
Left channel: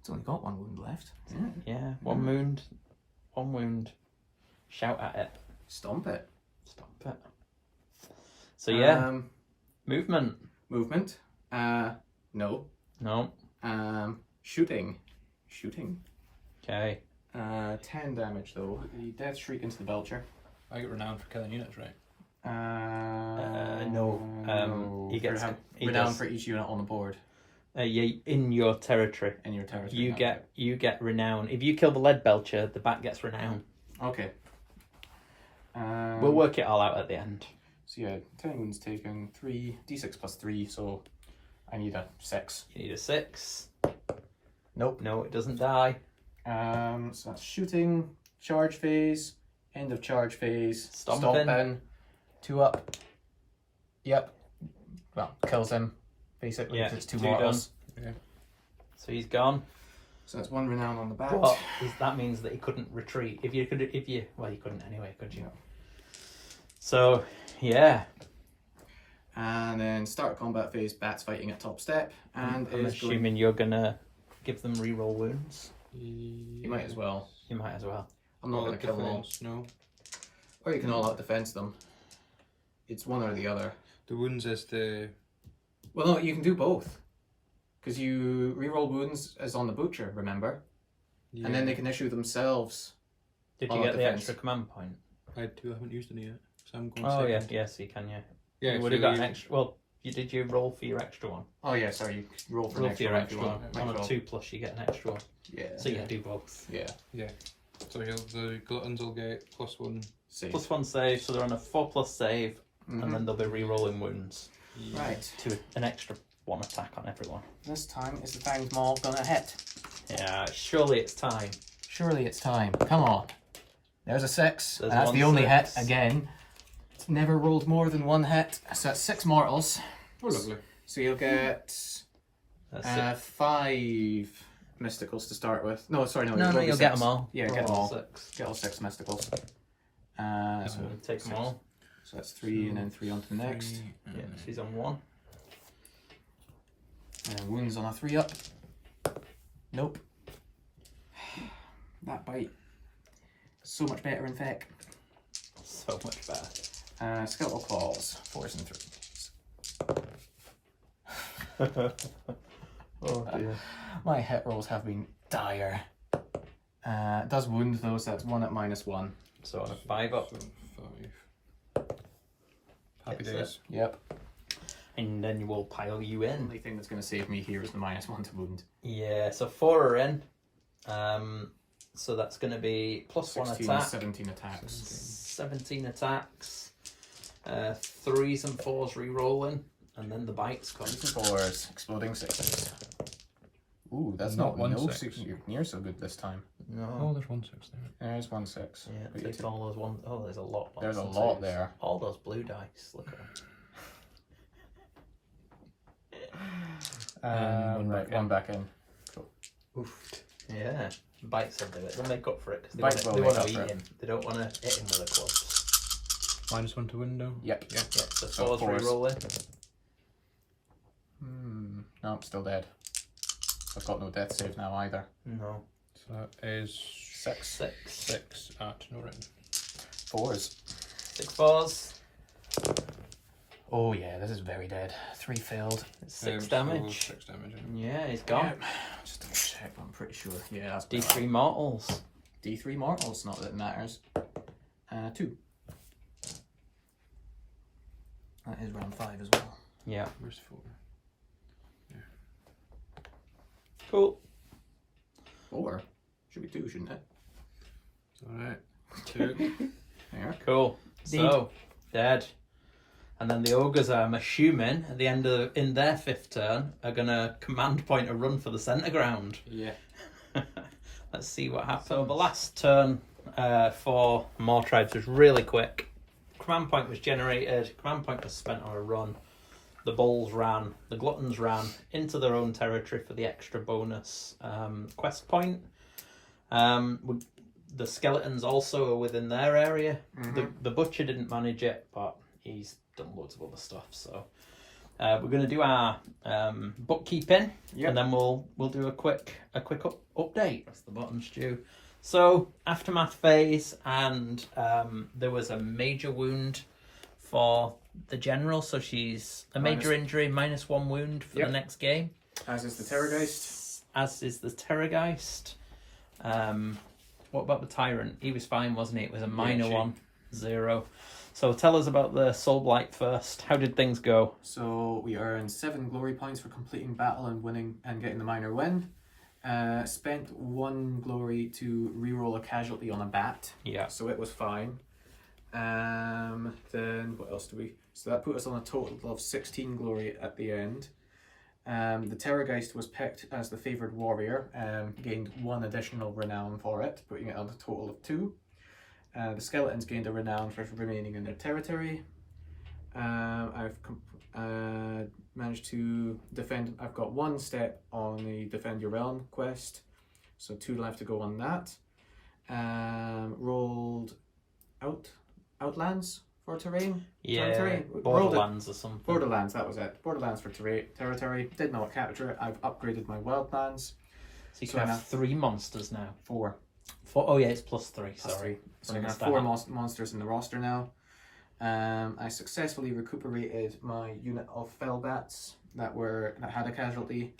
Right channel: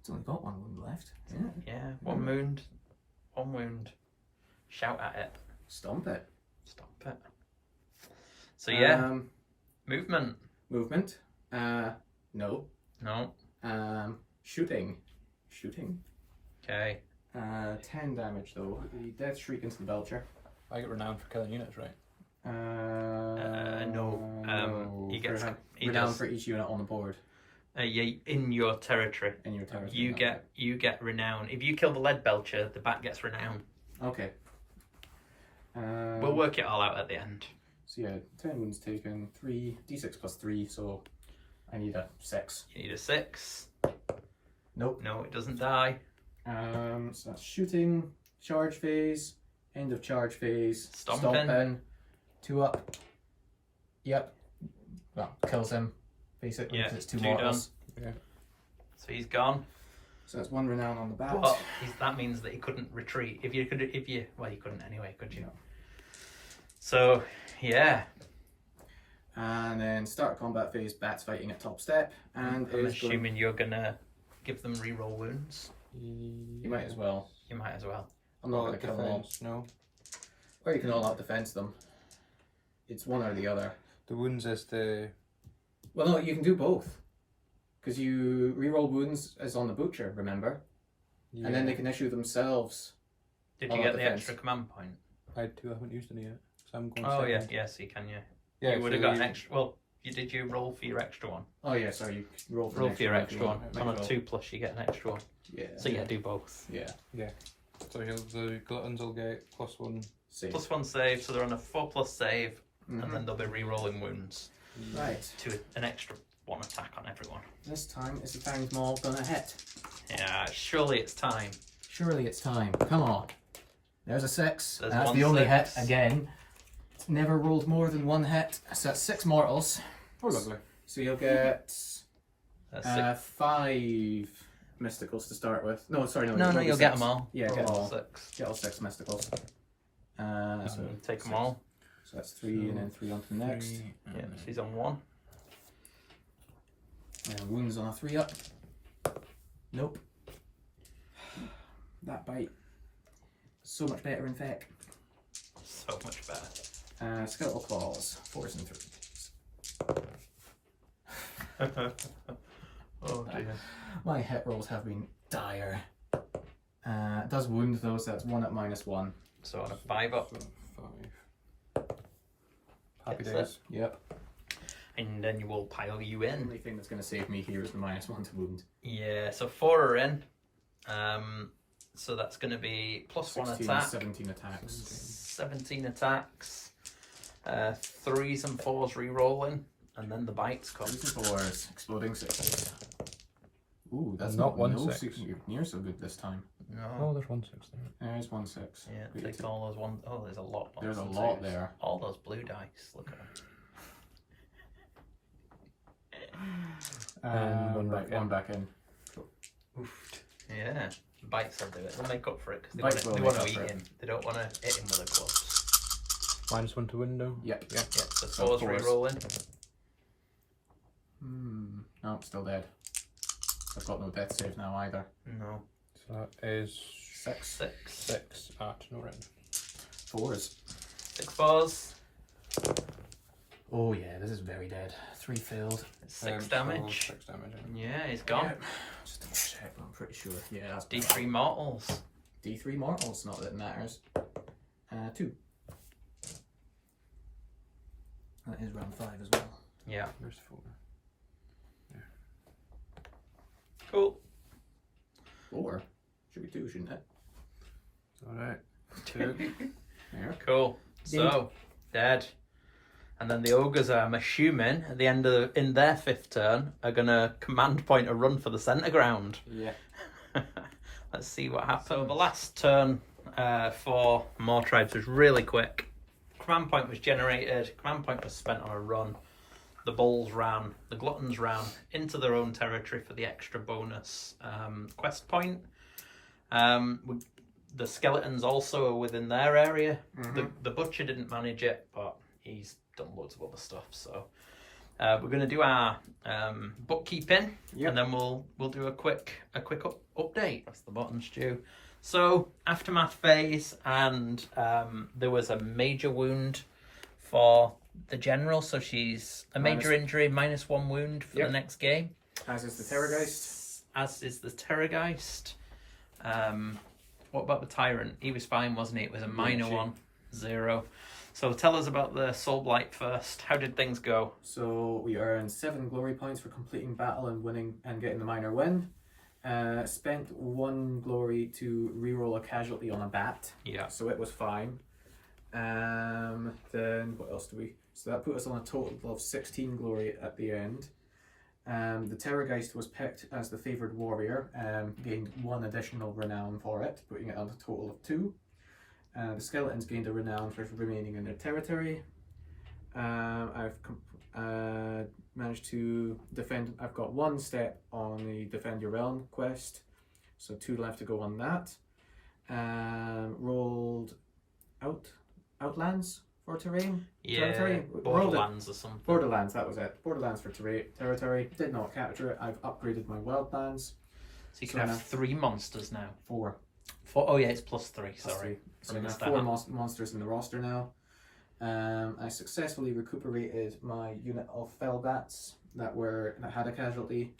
It's only got 1 wound left. Yeah, 1 wound. 1 wound. Shout at it. Stomp it. Stop it. So yeah, Um, movement. movement. No. No. Shooting. Shooting. Okay. 10 damage though. The death shriek into the belcher. I get renowned for killing units, right? No. No. He gets renown for each unit on the board yeah, in your territory. in your territory. You get renown. If you kill the lead belcher, the bat gets renown. Okay. We'll work it all out at the end. So yeah, 10 wounds taken, 3 d6 plus 3, so I need a 6. You need a 6. Nope. No, it doesn't die. So that's shooting, charge phase, end of charge phase, Stomping. 2 up. Yep. Well, kills him, basically, Yeah, because it's 2 2 mortals. Yeah. So he's gone. So that's 1 renown on the bat. But that means that he couldn't retreat. Well, you couldn't anyway, could you? Yeah. So, yeah. And then start combat phase, bats fighting at top step, and I'm is assuming you're gonna give them reroll wounds. you might as well. You might as well. I'm not going to kill them all. Defense, no. Or you can all out defense them. It's one or the other. The wounds is the... Well, no, you can do both. Because you reroll wounds as on the butcher, remember? Yeah. And then they can issue themselves. Did All you out get the defense. extra command point? I had 2, I haven't used any yet. So I'm going Oh, yeah, second. yes, you can, yeah. Yeah, You would have got an extra. Well, did you roll for your extra one? Oh yeah, sorry, you roll for, Roll for your extra one. Make On a roll. 2+, you get an extra one. Yeah. So yeah, do both. Yeah. So the gluttons will get +1. Save. +1 save, so they're on a 4+ save, Mhm. and then they'll be re-rolling wounds Right. to an extra 1 attack on everyone. This time is the Fanged Maul gonna hit. Yeah, surely it's time. Surely it's time. Come on. There's a 6. There's That's one the only 6. hit again. It's never rolled more than 1 hit. So that's 6 mortals. Oh, lovely. So you'll get That's it. 5 mysticals to start with. No, sorry, no. No, it'll be you'll get 6. them all. Yeah, Roll get them all. 6. Get all 6 mysticals. So Take them 6. all. So that's 3 and then 3 on to the next. Yeah, she's on 1. Wounds on a 3 up. Nope. That bite. So much better in fact. So much better. Skeletal claws. 4s and 3s. Oh dear. My hit rolls have been dire. It does wound though, so that's 1 at -1. So on a 5 up. So 5. Happy Hits days. Yep. And then you will pile you The in. only thing that's going to save me here is the -1 to wound. Yeah, so 4 are in. So that's going to be +1 16, attack. 17 attacks. 17 attacks. 3s and 4s re-rolling. And then the bites come. 3 and 4s, exploding 6s. Ooh, that's Not not one no 6. near so good this time. No. Oh, there's 1 6 there. There's 1 6. Yeah, But it takes you all those one. Oh, there's a lot. There's a ones and lot twos. there. All those blue dice. Look at them. And one back in. One back in. Oof. Yeah. Bites will do it. They'll make up for it because Bites they will want make to up for eat it. him. They don't want to hit him with a club. -1 to window. Yep. Yeah, so So 4's 4s. re-rolling. No, I'm still dead. I've got no death save now either. No. So that is 6. 6 at no round. 4s. 6 4s. Oh yeah, this is very dead. 3 failed. It's 6 So damage. 6 damage. Yeah, he's gone. Yep. Just to check, I'm pretty sure. Yeah, that's D3 mortals. D3 mortals, not that it matters. 2. That is round 5 as well. Yeah. Where's 4? Cool. 4? Should be 2, shouldn't it? Alright. 2. Yeah. Cool. So, dead. And then the ogres, I'm assuming, at the end of in their 5th turn, are gonna command point a run for the centre ground. Yeah. Let's see what happens. So the last turn for Mawtribes was really quick. Command point was generated. Command point was spent on a run. The bulls ran. The gluttons ran into their own territory for the extra bonus quest point. The skeletons also are within their area. The butcher didn't manage it, but he's done loads of other stuff. So we're going to do our bookkeeping, and then we'll do a quick update. That's the bottom stew. So aftermath phase, and there was a major wound for the general. So she's a major injury, -1 wound for the next game. As is the Terrorgeist. As is the Terrorgeist. What about the Tyrant? He was fine, wasn't he? It was a minor one, 0. So tell us about the Soulblight first. How did things go? So we earned 7 glory points for completing battle and winning and getting the minor win. Spent 1 glory to reroll a casualty on a bat. Yeah. So it was fine. Then what else do we? So that put us on a total of 16 glory at the end. The Terrorgeist was picked as the favoured warrior, gained 1 additional renown for it, putting it on a total of 2. The skeletons gained a renown for remaining in their territory. I've managed to defend. I've got 1 step on the Defend Your Realm quest, so 2 left to go on that. Rolled Outlands for terrain. Yeah, Borderlands or something. Borderlands, that was it. Borderlands for territory. Did not capture it. I've upgraded my wildlands. So you can have 3 monsters now. 4. Oh yeah, it's +3. Sorry. So I have 4 monsters in the roster now. I successfully recuperated my unit of Fellbats that had a casualty,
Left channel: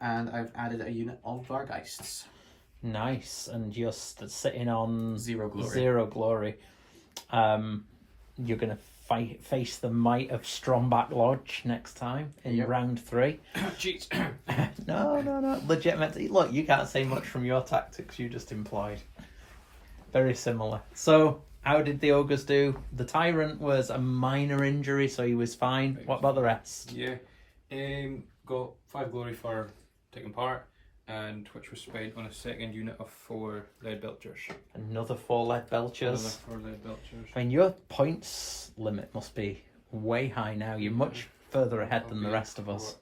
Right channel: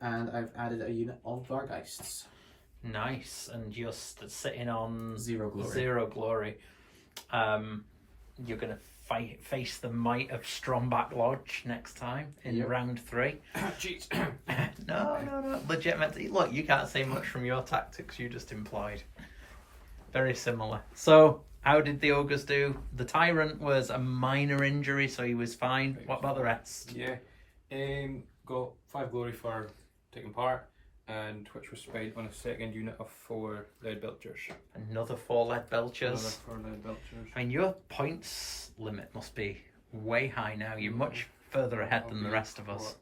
and I've added a unit of Vargeists. Nice, and you're sitting on 0 glory. 0 glory. You're gonna face the might of Stromback Lodge next time in round 3. Jeez. No. Legitimate. Look, you can't say much from your tactics you just employed. Very similar. So, how did the ogres do? The Tyrant was a minor injury, so he was fine. What about the rest? Yeah. Got 5 glory for taking part, and which was spent on a second unit of 4 lead belchers. Another 4 lead belchers. Another 4 lead belchers. I mean, your points limit must be way high now. You're much further ahead than the rest of us.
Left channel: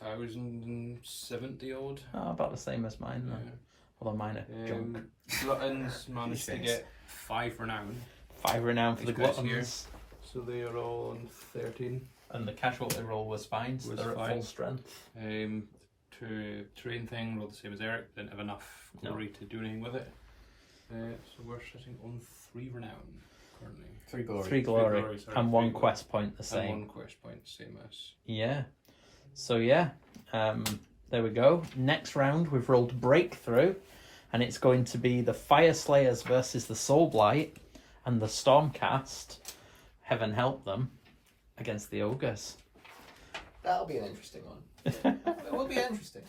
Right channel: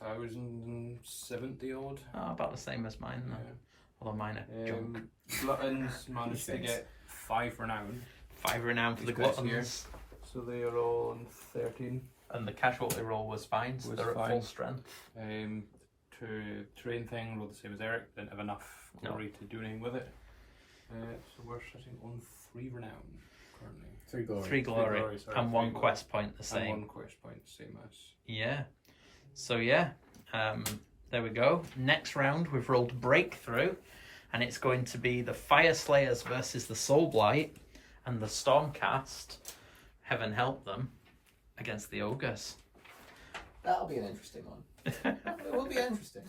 1,070 odd. Oh, about the same as mine then. Yeah. Although mine are junk. Gluttons managed to get 5 renown. 5 renown for the Gluttons. So they are on 13. And the casualty roll was fine, so they're at full strength. To train thing, rolled the same as Eric, didn't have enough glory to do anything with it. So we're sitting on 3 renown currently. 3 glory. 3 glory. Sorry, And 3 1 glory. quest point the same. And 1 quest point, same as. Yeah. So yeah, there we go. Next round we've rolled Breakthrough, and it's going to be the Fyreslayers versus the Soulblight, and the Stormcast, heaven help them, against the ogres. That'll be an interesting one. It will be interesting.